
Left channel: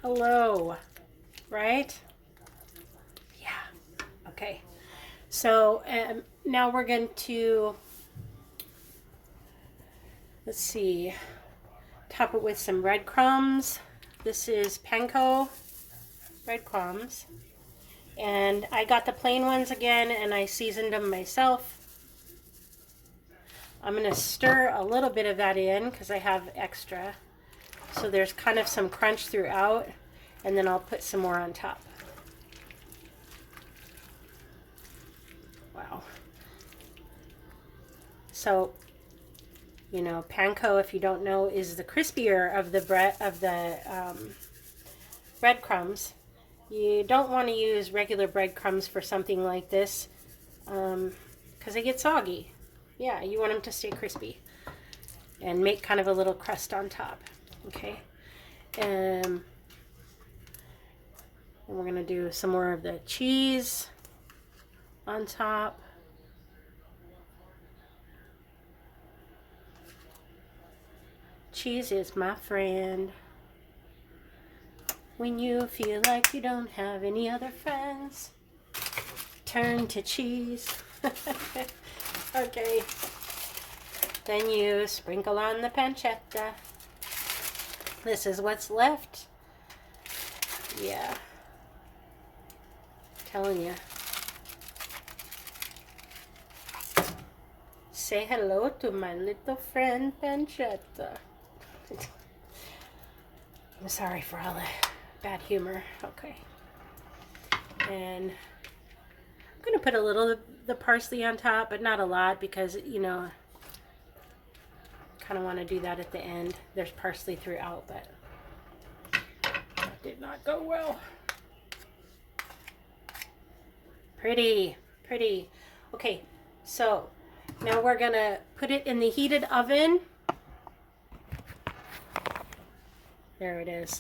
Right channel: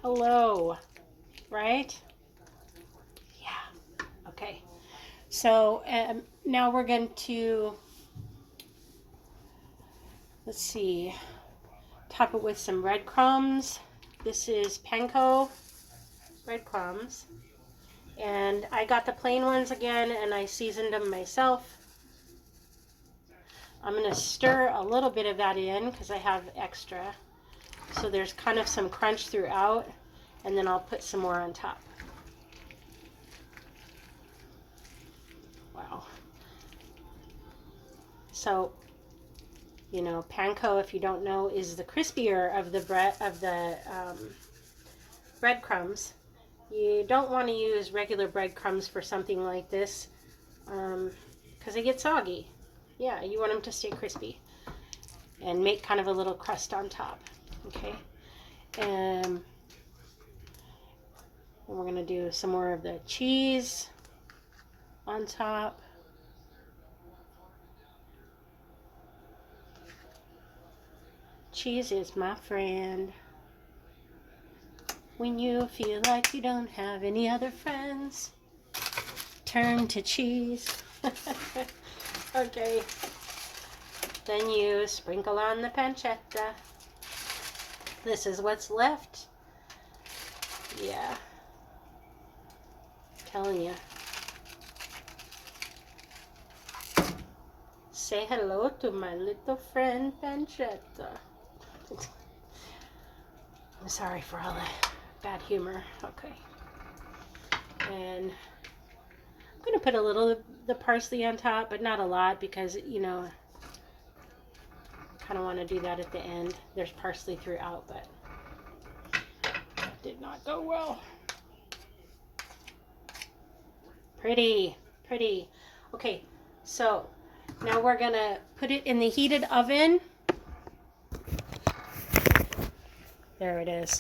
Hello. Right? Yeah. Okay. So now we're going to, let's see, top it with some breadcrumbs. This is panko breadcrumbs. And I got the plain ones again, and I seasoned them myself. I'm going to stir a little bit of that in because I have extra. So there's kind of some crunch throughout, and then I'll put some more on top. Wow. So, you know, panko, if you don't know, is the crispier of the breadcrumbs. You don't want to use regular breadcrumbs for something like this. because they get soggy. Yeah, you want them to stay crispy and make kind of a little crust on top. Okay. And we're going to do some more of the cheese on top. Cheese is my friend. When you feel like you don't have any other friends, turn to cheese. Okay. Then you sprinkle on the pancetta. This is what's left. Yeah. Telling you. Say hello to my little friend pancetta. I'm sorry for all the bad humor. Okay. And I'm going to put a little of the parsley on top, but not a lot because, you know, I kind of want to do that at the end. There's parsley throughout, but that did not go well. Pretty, pretty. Okay, so now we're going to put it in the heated oven. There it is.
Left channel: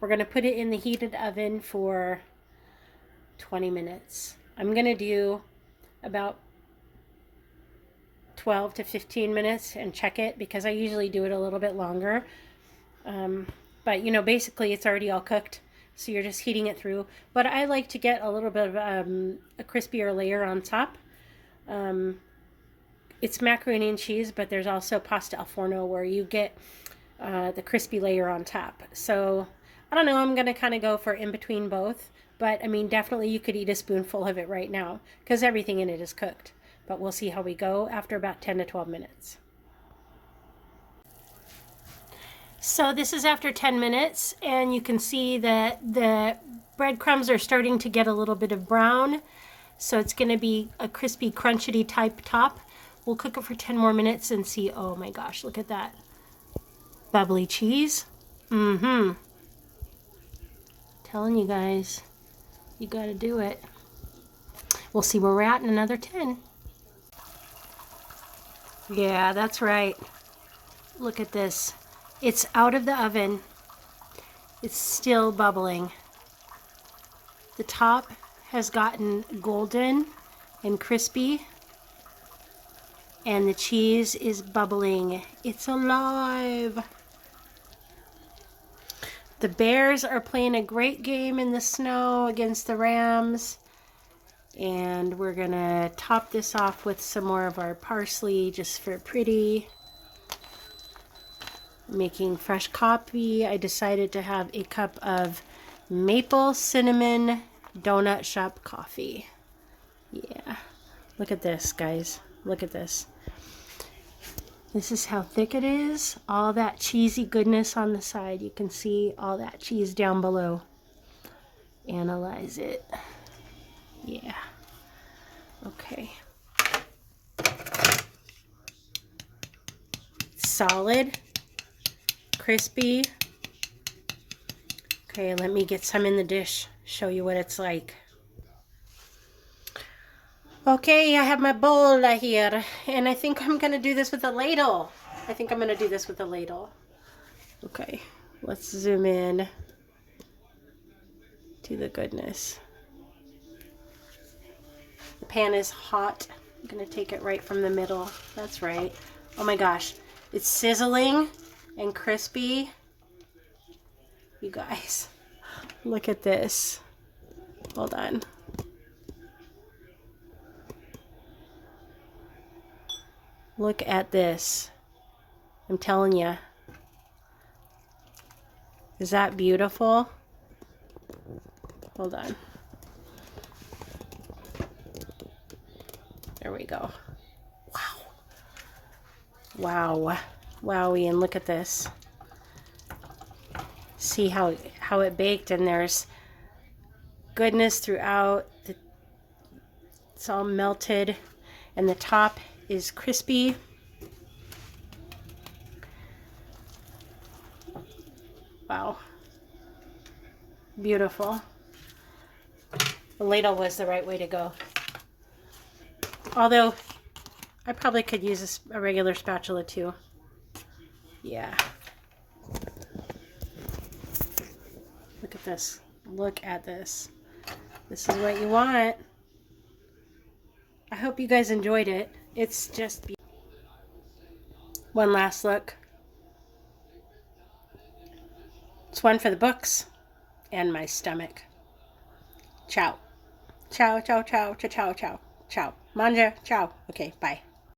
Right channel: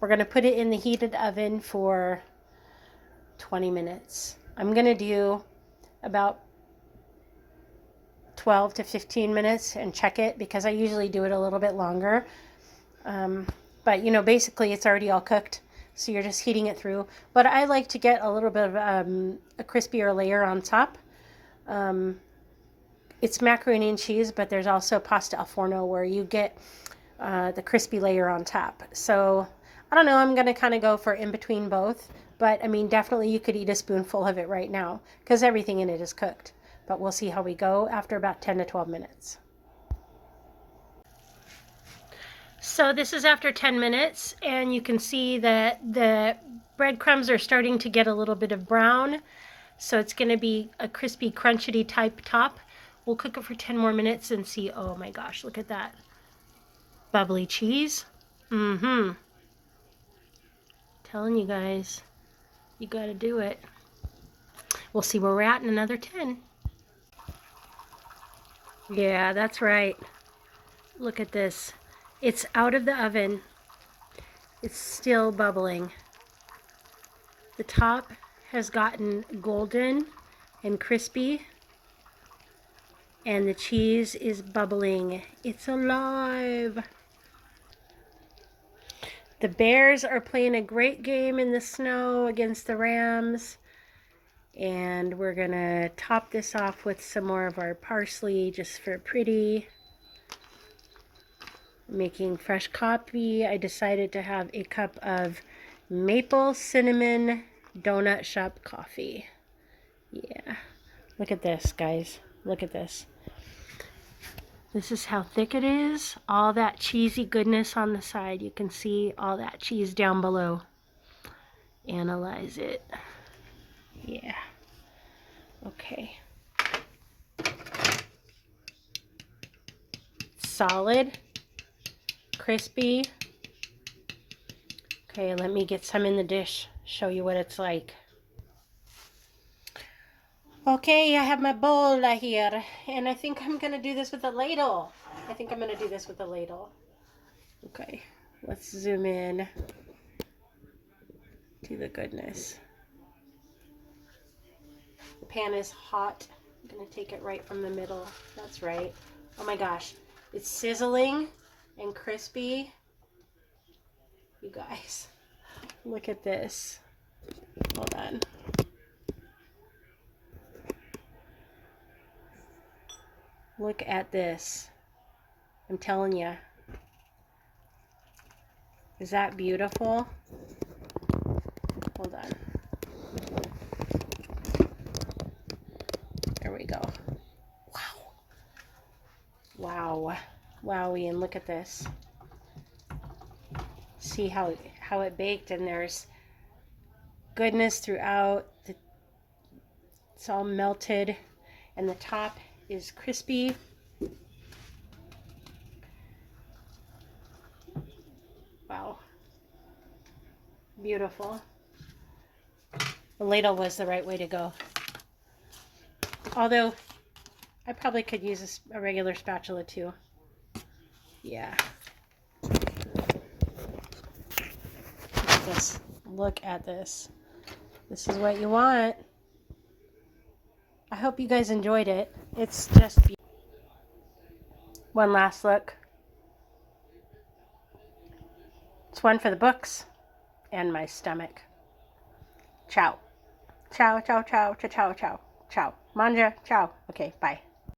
We're going to put it in the heated oven for 20 minutes. I'm going to do about 12 to 15 minutes and check it because I usually do it a little bit longer. But, you know, basically it's already all cooked. So you're just heating it through. But I like to get a little bit of a crispier layer on top. It's macaroni and cheese, but there's also pasta al forno where you get the crispy layer on top. So I don't know, I'm going to kind of go for in between both. But I mean, definitely you could eat a spoonful of it right now because everything in it is cooked. But we'll see how we go after about 10 to 12 minutes. So this is after 10 minutes and you can see that the breadcrumbs are starting to get a little bit of brown. So it's going to be a crispy, crunchety type top. We'll cook it for 10 more minutes and see. Oh my gosh, look at that. Bubbly cheese. Telling you guys, you got to do it. We'll see where we're at in another 10. Yeah, that's right. Look at this. It's out of the oven. It's still bubbling. The top has gotten golden and crispy. And the cheese is bubbling. It's alive. The Bears are playing a great game in the snow against the Rams. And we're going to top this off with some more of our parsley just for pretty. Making fresh coffee. I decided to have a cup of maple cinnamon donut shop coffee. Yeah. Look at this, guys. Look at this. This is how thick it is. All that cheesy goodness on the side. You can see all that cheese down below. Analyze it. Yeah. Okay. Solid. Crispy. Okay, let me get some in the dish. Show you what it's like. Okay, I have my bowl here, and I think I'm going to do this with a ladle. Okay, let's zoom in to the goodness. The pan is hot. I'm going to take it right from the middle. That's right. Oh my gosh, it's sizzling and crispy. You guys, look at this. Hold on. Look at this. I'm telling you. Is that beautiful? Hold on. There we go. Wow. Wow. Wowie, and look at this. See how it baked, and there's goodness throughout. It's all melted, and the top is crispy. Wow. Beautiful. The ladle was the right way to go. Although, I probably could use a regular spatula too. Yeah. Look at this. Look at this. This is what you want. I hope you guys enjoyed it. It's just one last look. It's one for the books and my stomach. Ciao. Ciao, ciao, ciao, ciao, ciao, ciao, ciao. Manja, ciao. Okay, bye.